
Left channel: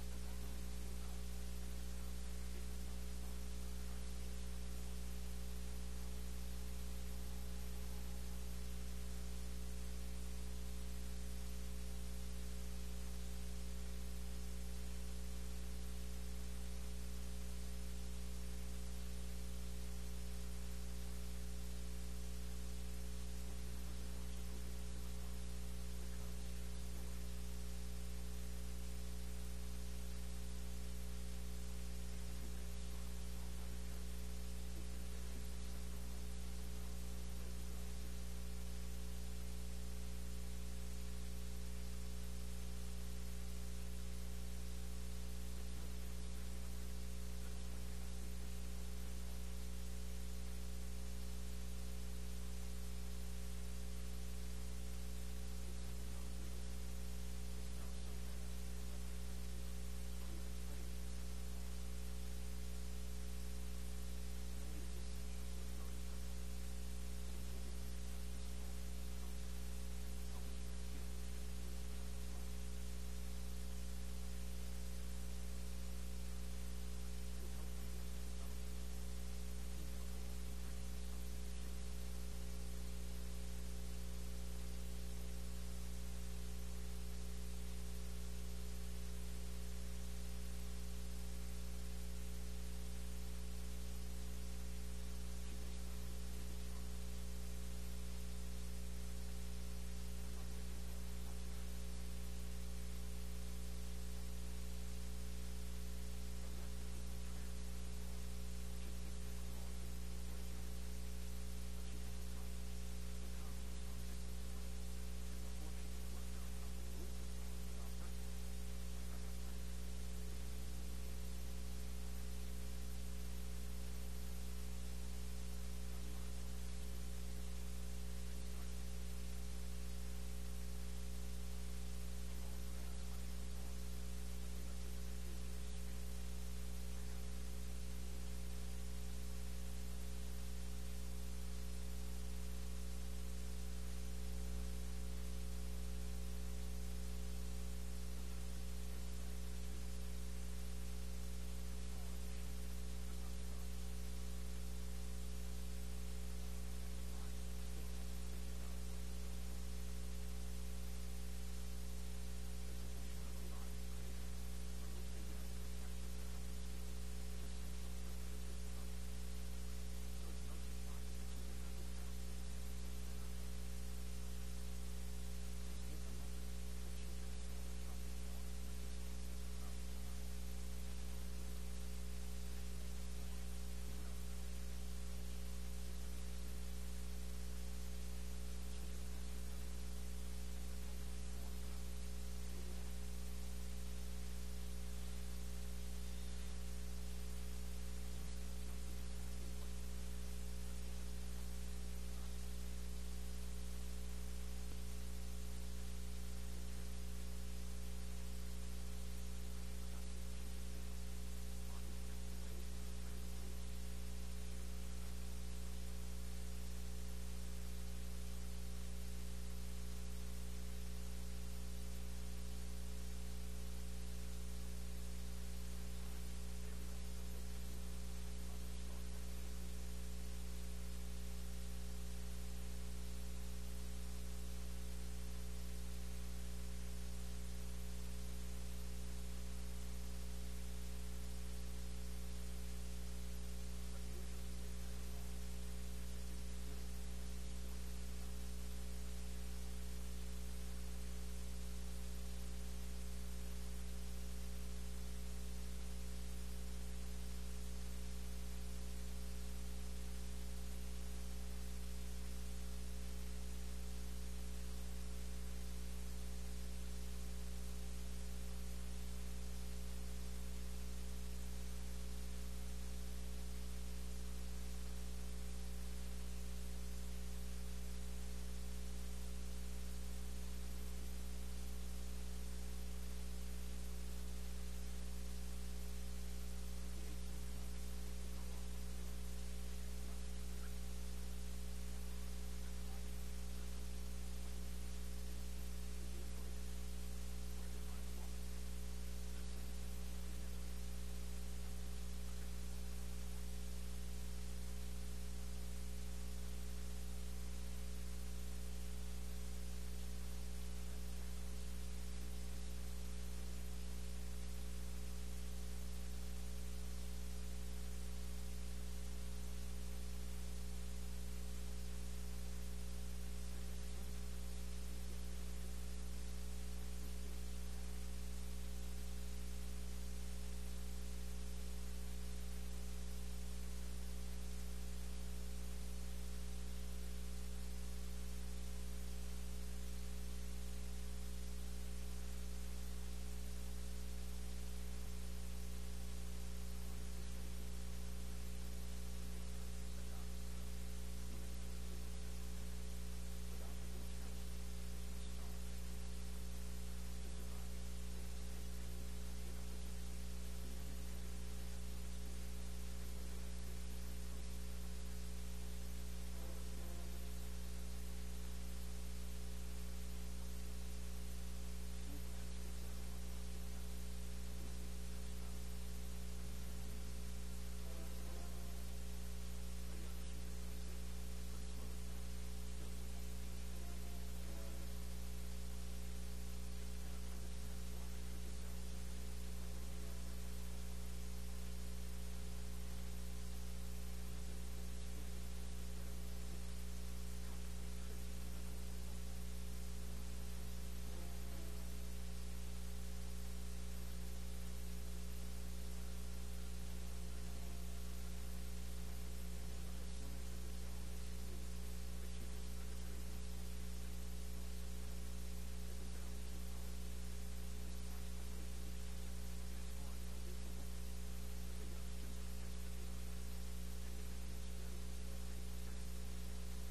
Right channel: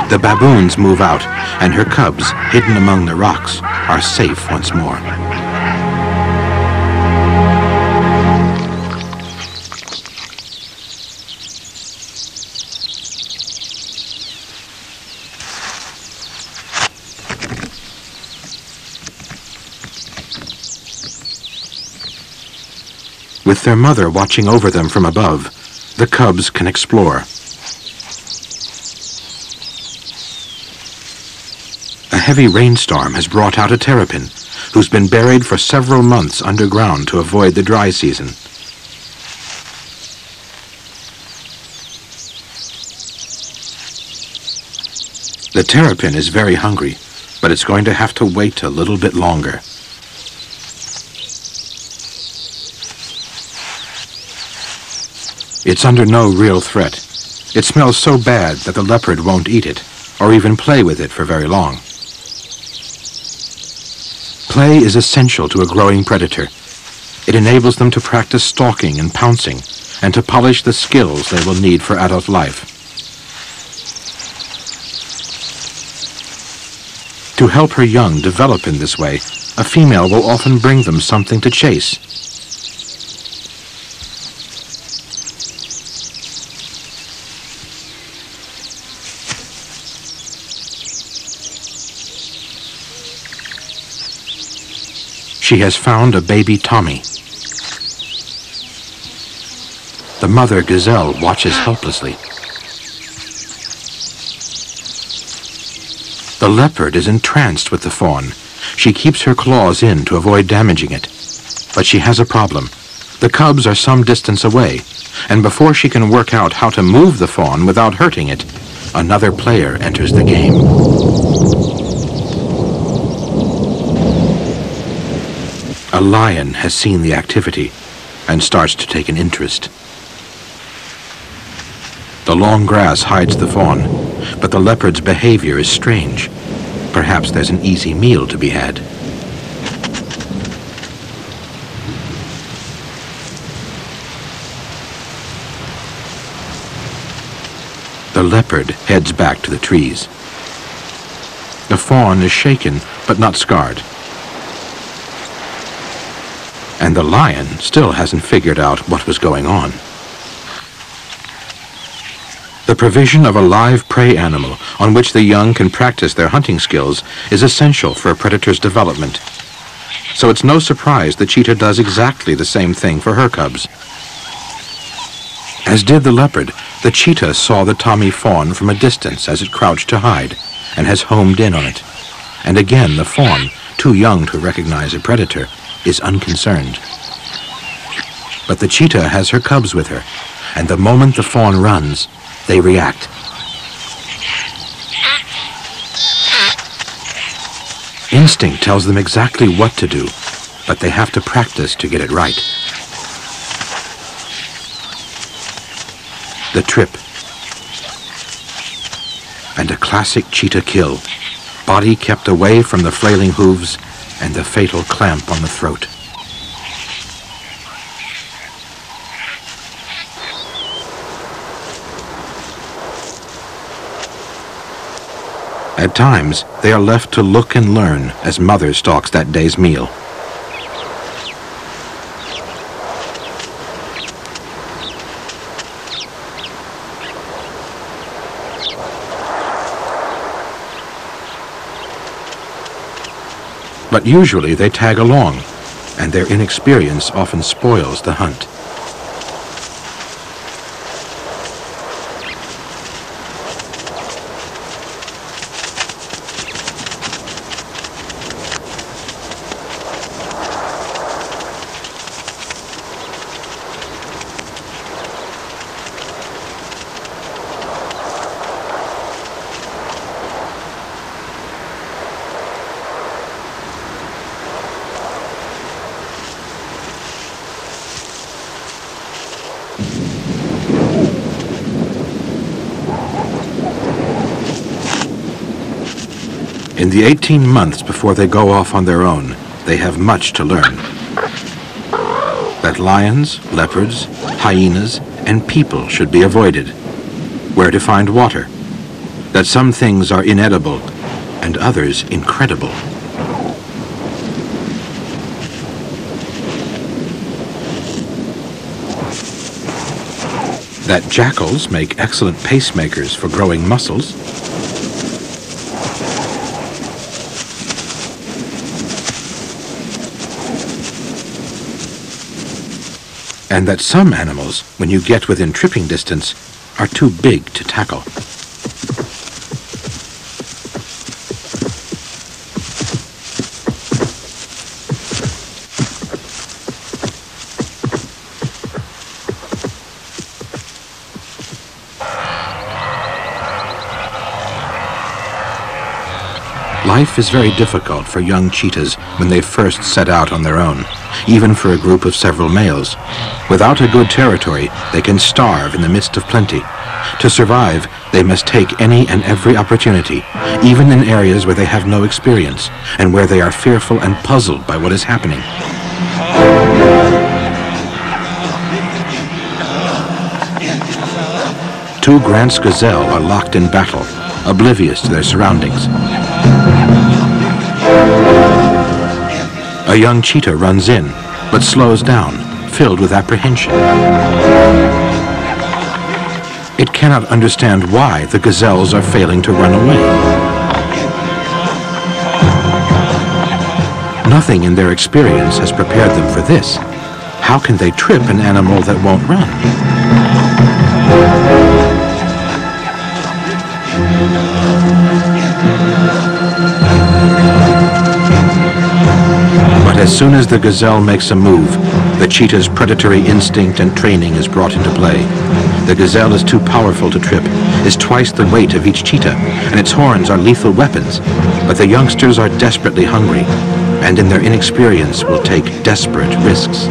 The baboons move out, and her cubs, hidden among the rocks, are safe once more. With their mother watching over them from above, the cubs can explore. A heavy rainstorm has brought out a terrapin, who's been buried for several months underground to avoid the dry season. The terrapin is very hungry, but it's going to have to wait a little bit longer. It's under no real threat. It smells so bad that the leopard won't eat it, or even play with it for very long. Play is essential to a growing predator. It enables them to practice stalking and pouncing, and to polish the skills they will need for adult life. To help her young develop in this way, a female will often bring them something to chase. She has found a baby Tommy. The mother gazelle watches helplessly. The leopard is entranced with the fawn. She keeps her claws in to avoid damaging it. But she has a problem. The cubs are some distance away, and before she can work out how to move the fawn without hurting it, another player enters the game. A lion has seen the activity and starts to take an interest. The long grass hides the fawn, but the leopard's behavior is strange. Perhaps there's an easy meal to be had. The leopard heads back to the trees. The fawn is shaken, but not scarred. And the lion still hasn't figured out what was going on. The provision of a live prey animal on which the young can practice their hunting skills is essential for a predator's development. So it's no surprise the cheetah does exactly the same thing for her cubs. As did the leopard, the cheetah saw the Tommy fawn from a distance as it crouched to hide, and has homed in on it. And again the fawn, too young to recognize a predator, is unconcerned. But the cheetah has her cubs with her, and the moment the fawn runs, they react. Instinct tells them exactly what to do, but they have to practice to get it right. The trip. And a classic cheetah kill. Body kept away from the flailing hooves and the fatal clamp on the throat. At times, they are left to look and learn as mother stalks that day's meal. But usually they tag along, and their inexperience often spoils the hunt. In the 18 months before they go off on their own, they have much to learn. That lions, leopards, hyenas, and people should be avoided. Where to find water. That some things are inedible and others incredible. That jackals make excellent pacemakers for growing muscles. And that some animals, when you get within tripping distance, are too big to tackle. Life is very difficult for young cheetahs when they first set out on their own, even for a group of several males. Without a good territory, they can starve in the midst of plenty. To survive, they must take any and every opportunity, even in areas where they have no experience, and where they are fearful and puzzled by what is happening. Two Grant's gazelle are locked in battle, oblivious to their surroundings. A young cheetah runs in, but slows down, filled with apprehension. It cannot understand why the gazelles are failing to run away. Nothing in their experience has prepared them for this. How can they trip an animal that won't run? As soon as the gazelle makes a move, the cheetah's predatory instinct and training is brought into play. The gazelle is too powerful to trip, is twice the weight of each cheetah, and its horns are lethal weapons. But the youngsters are desperately hungry, and in their inexperience will take desperate risks.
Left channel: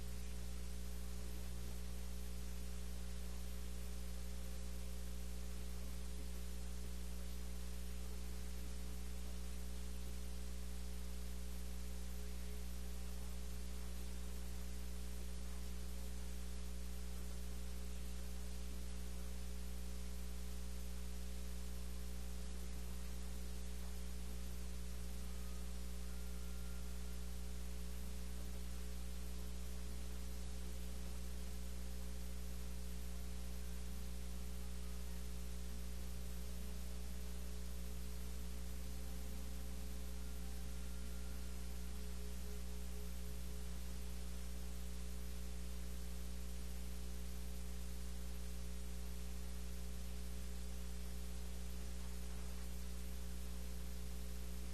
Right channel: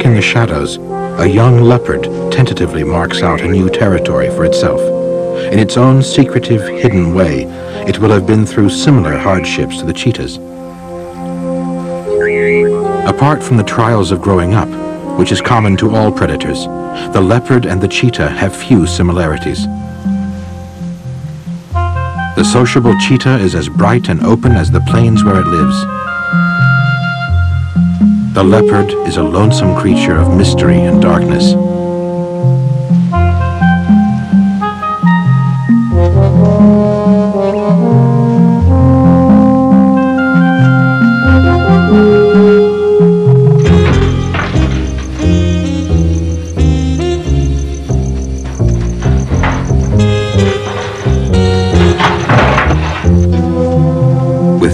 Lurking the shadows, a young leopard tentatively marks out a new territory for itself. In its own secretive, hidden way, it will have been through similar hardships to the cheetahs. Apart from the trials of growing up, which is common to all predators, the leopard and the cheetah have few similarities. The sociable cheetah is as bright and open as the plains where it lives. The leopard is a lonesome creature of mystery and darkness.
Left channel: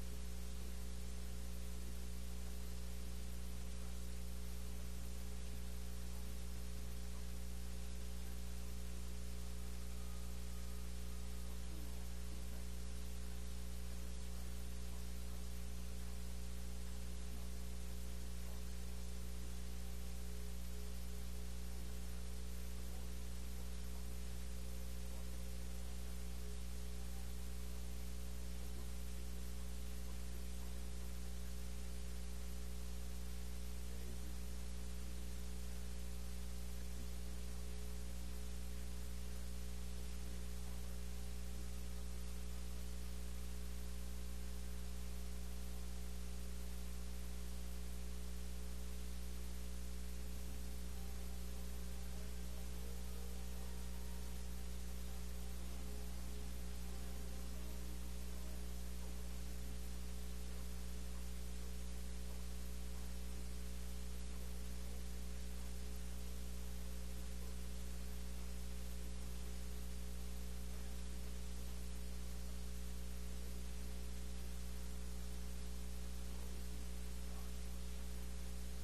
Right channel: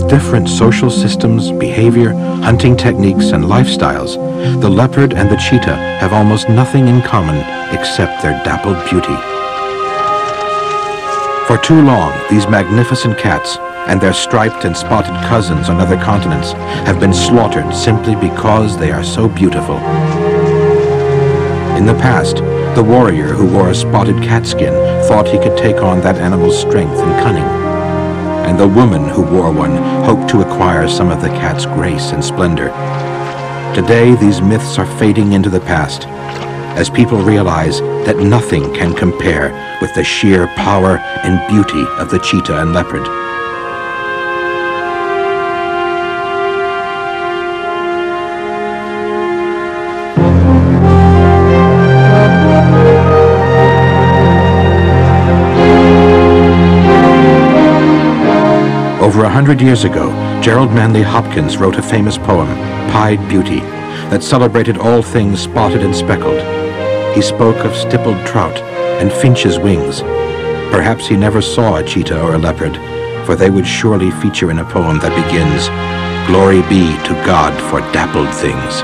Different social systems, behavior, hunting techniques, and lifestyles, the leopard and the cheetah have almost nothing in common except their dappled beauty. For too long, these magnificent cats and their striped and spotted cousins on other continents have been slaughtered simply because they are so beautiful. In the past, the warrior who wore a spotted cat skin thought he could take on that animal's strength and cunning. And the woman who wore one hoped to acquire some of the cat's grace and splendor. Today, these myths are fading into the past, as people realize that nothing can compare with the sheer power and beauty of the cheetah and leopard. Over 100 years ago, Gerald Manley Hopkins wrote a famous poem, Pied Beauty, that celebrated all things spotted and speckled. He spoke of stippled trout and finches' wings. Perhaps he never saw a cheetah or a leopard, for they would surely feature in a poem that begins, "Glory be to God for dappled things."